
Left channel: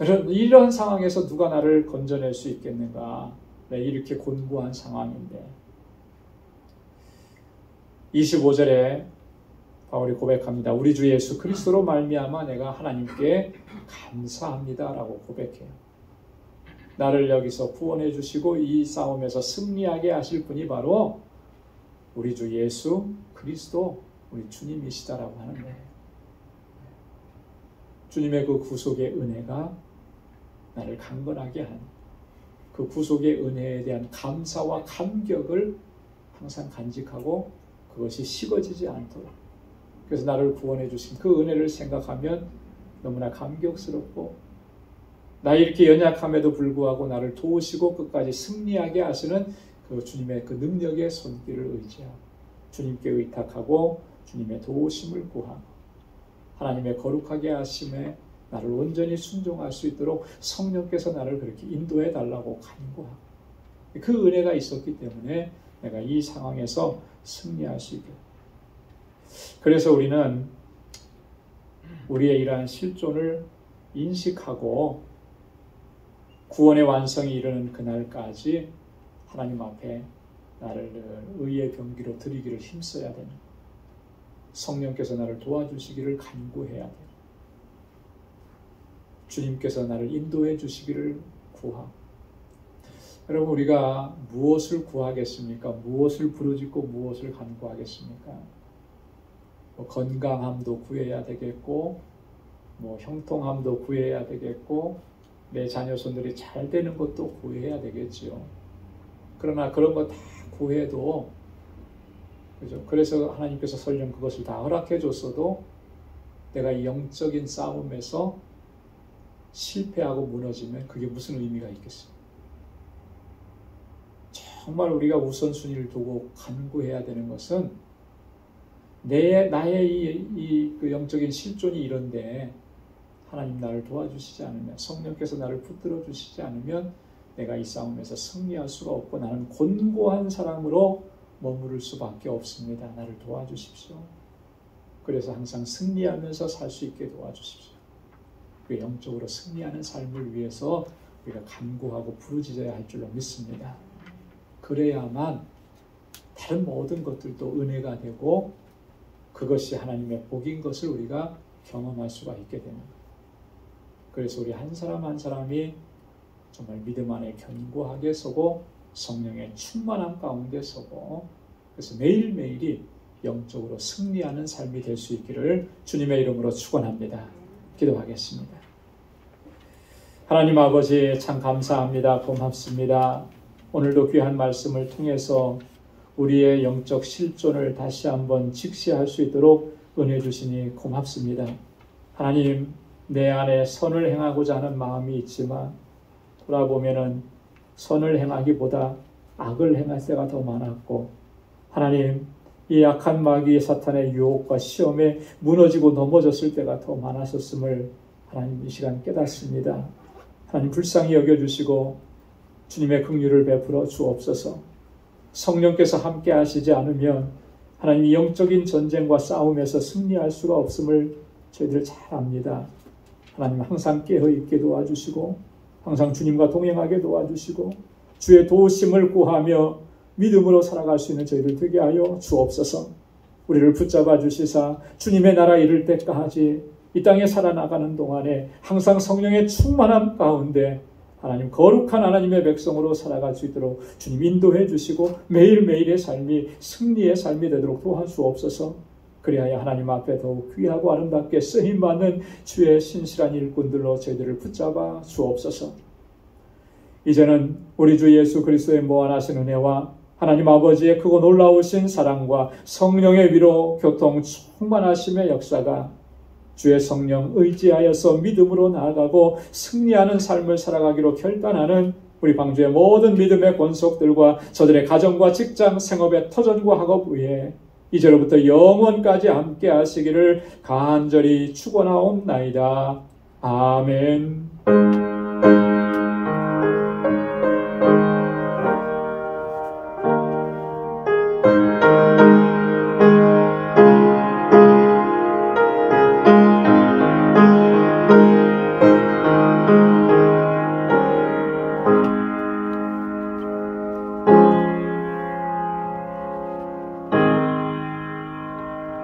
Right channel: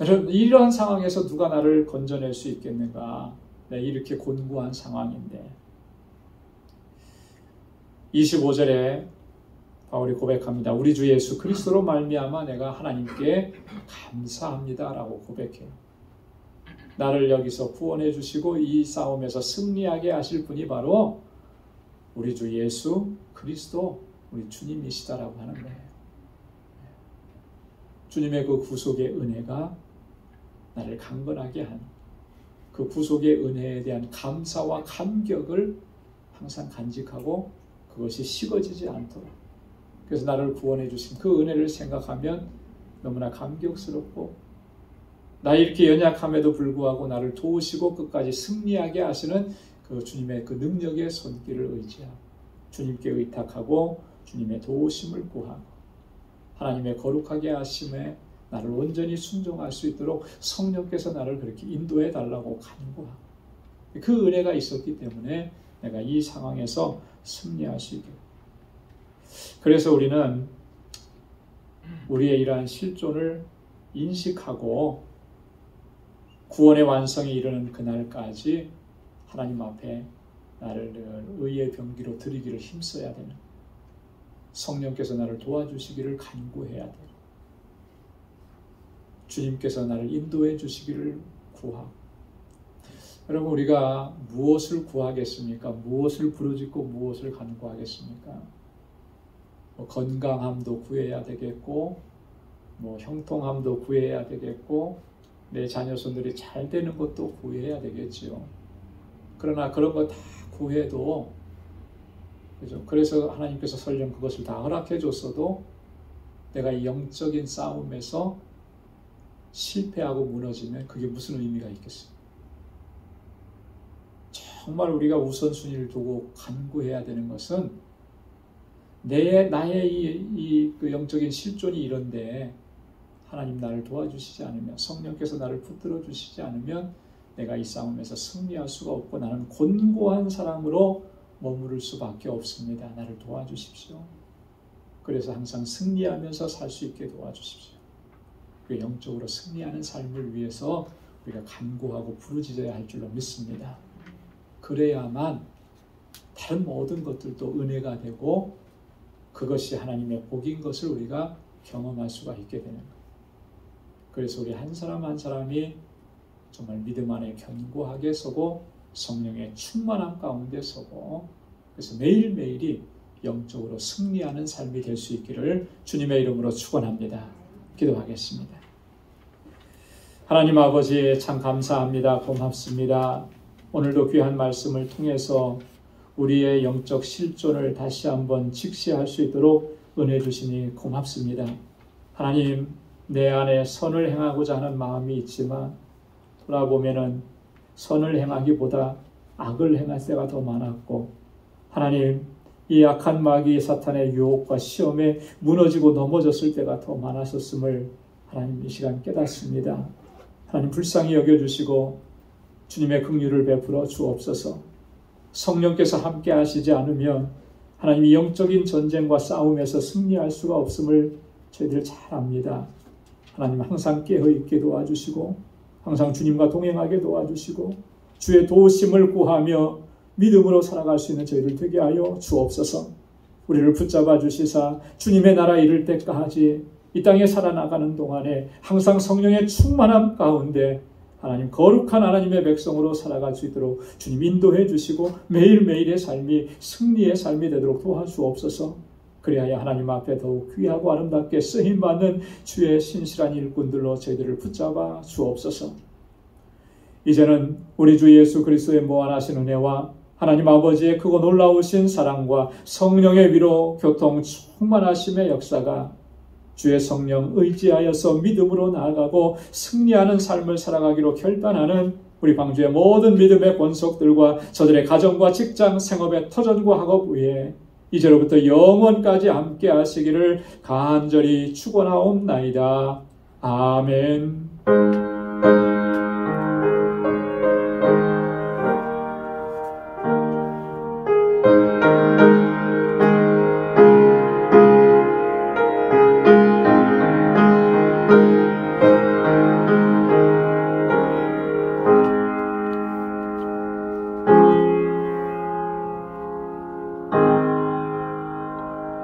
여러분 이러한 상황에서 누가 나를 건져낼 수 있겠는가? 이렇게 곤고한 상황인데 25절에 바울이 고백합니다. 우리 주 예수 그리스도로 말미암아 내가 하나님께 감사합니다 라고 고백해요. 나를 여기서 구원해 주시고 이 싸움에서 승리하게 하실 분이 바로 우리 주 예수 그리스도 우리 주님이시다라고 하는 거예요. 주님의 그 구속의 은혜가 나를 강건하게 하는 그 구속의 은혜에 대한 감사와 감격을 항상 간직하고 그것이 식어지지 않도록, 그래서 나를 구원해 주신 그 은혜를 생각하면 너무나 감격스럽고 나 이렇게 연약함에도 불구하고 나를 도우시고 끝까지 승리하게 하시는 그 주님의 그 능력의 손길을 의지하고 주님께 의탁하고 주님의 도우심을 구하고 하나님의 거룩하게 하심에 나를 온전히 순종할 수 있도록 성령께서 나를 그렇게 인도해 달라고 간구하고 그 은혜가 있었기 때문에 내가 이 상황에서 승리할 수 있게. 그래서 우리는 우리의 이러한 실존을 인식하고 구원의 완성이 이르는 그날까지 하나님 앞에 나를 늘 의의 병기로 드리기를 힘써야 되는, 성령께서 나를 도와주시기를 간구해야 되는, 주님께서 나를 인도해 주시기를 구하고, 여러분, 우리가 무엇을 구하겠습니까? 무엇을 부르짖고 무엇을 간구하겠습니까? 건강함도 구해야 되겠고, 형통함도 구해야 되겠고, 내 자녀손들이 잘 되는 것도 구해야 되겠지요. 그러나 그런 거 다 구해도, 그죠? 그래서 하나님께서 설령 그것을 다 허락해 줬어도 내가 이 영적인 싸움에서 실패하고 무너지면 그게 무슨 의미가 있겠어요? 정말 우리가 우선순위를 두고 간구해야 되는 것은 나의 그 영적인 실존이 이런데 하나님 나를 도와주시지 않으면, 성령께서 나를 붙들어 주시지 않으면 내가 이 싸움에서 승리할 수가 없고 나는 곤고한 사람으로 머무를 수밖에 없습니다. 나를 도와주십시오. 그래서 항상 승리하면서 살 수 있게 도와주십시오. 그 영적으로 승리하는 삶을 위해서 우리가 간구하고 부르짖어야 할 줄로 믿습니다. 그래야만 다른 모든 것들도 은혜가 되고 그것이 하나님의 복인 것을 우리가 경험할 수가 있게 되는 거예요. 그래서 우리 한 사람 한 사람이 정말 믿음 안에 견고하게 서고 성령의 충만한 가운데 서고, 그래서 매일매일이 영적으로 승리하는 삶이 될 수 있기를 주님의 이름으로 축원합니다. 기도하겠습니다. 하나님 아버지, 참 감사합니다. 고맙습니다. 오늘도 귀한 말씀을 통해서 우리의 영적 실존을 다시 한번 직시할 수 있도록 은혜 주시니 고맙습니다. 하나님, 내 안에 선을 행하고자 하는 마음이 있지만 돌아보면은 선을 행하기보다 악을 행할 때가 더 많았고, 하나님, 이 악한 마귀 사탄의 유혹과 시험에 무너지고 넘어졌을 때가 더 많았었음을 하나님 이 시간 깨닫습니다. 하나님 불쌍히 여겨주시고 주님의 긍휼을 베풀어 주옵소서. 성령께서 함께 하시지 않으면 하나님 이 영적인 전쟁과 싸움에서 승리할 수가 없음을 저희들 잘 압니다. 하나님 항상 깨어있게 도와주시고 항상 주님과 동행하게 도와주시고 주의 도우심을 구하며 믿음으로 살아갈 수 있는 저희들 되게 하여 주옵소서. 우리를 붙잡아 주시사 주님의 나라 이를 때까지 이 땅에 살아나가는 동안에 항상 성령의 충만함 가운데 하나님 거룩한 하나님의 백성으로 살아갈 수 있도록 주님 인도해 주시고 매일매일의 삶이 승리의 삶이 되도록 도와주옵소서. 그리하여 하나님 앞에 더욱 귀하고 아름답게 쓰임받는 주의 신실한 일꾼들로 저희들을 붙잡아 주옵소서. 이제는 우리 주 예수 그리스도의 무한하신 은혜와 하나님 아버지의 크고 놀라우신 사랑과 성령의 위로 교통 충만하심의 역사가 주의 성령 의지하여서 믿음으로 나아가고 승리하는 삶을 살아가기로 결단하는 우리 방주의 모든 믿음의 권속들과 저들의 가정과 직장, 생업의 터전과 학업 위에 이제로부터 영원까지 함께 하시기를 간절히 축원하옵나이다. 아멘.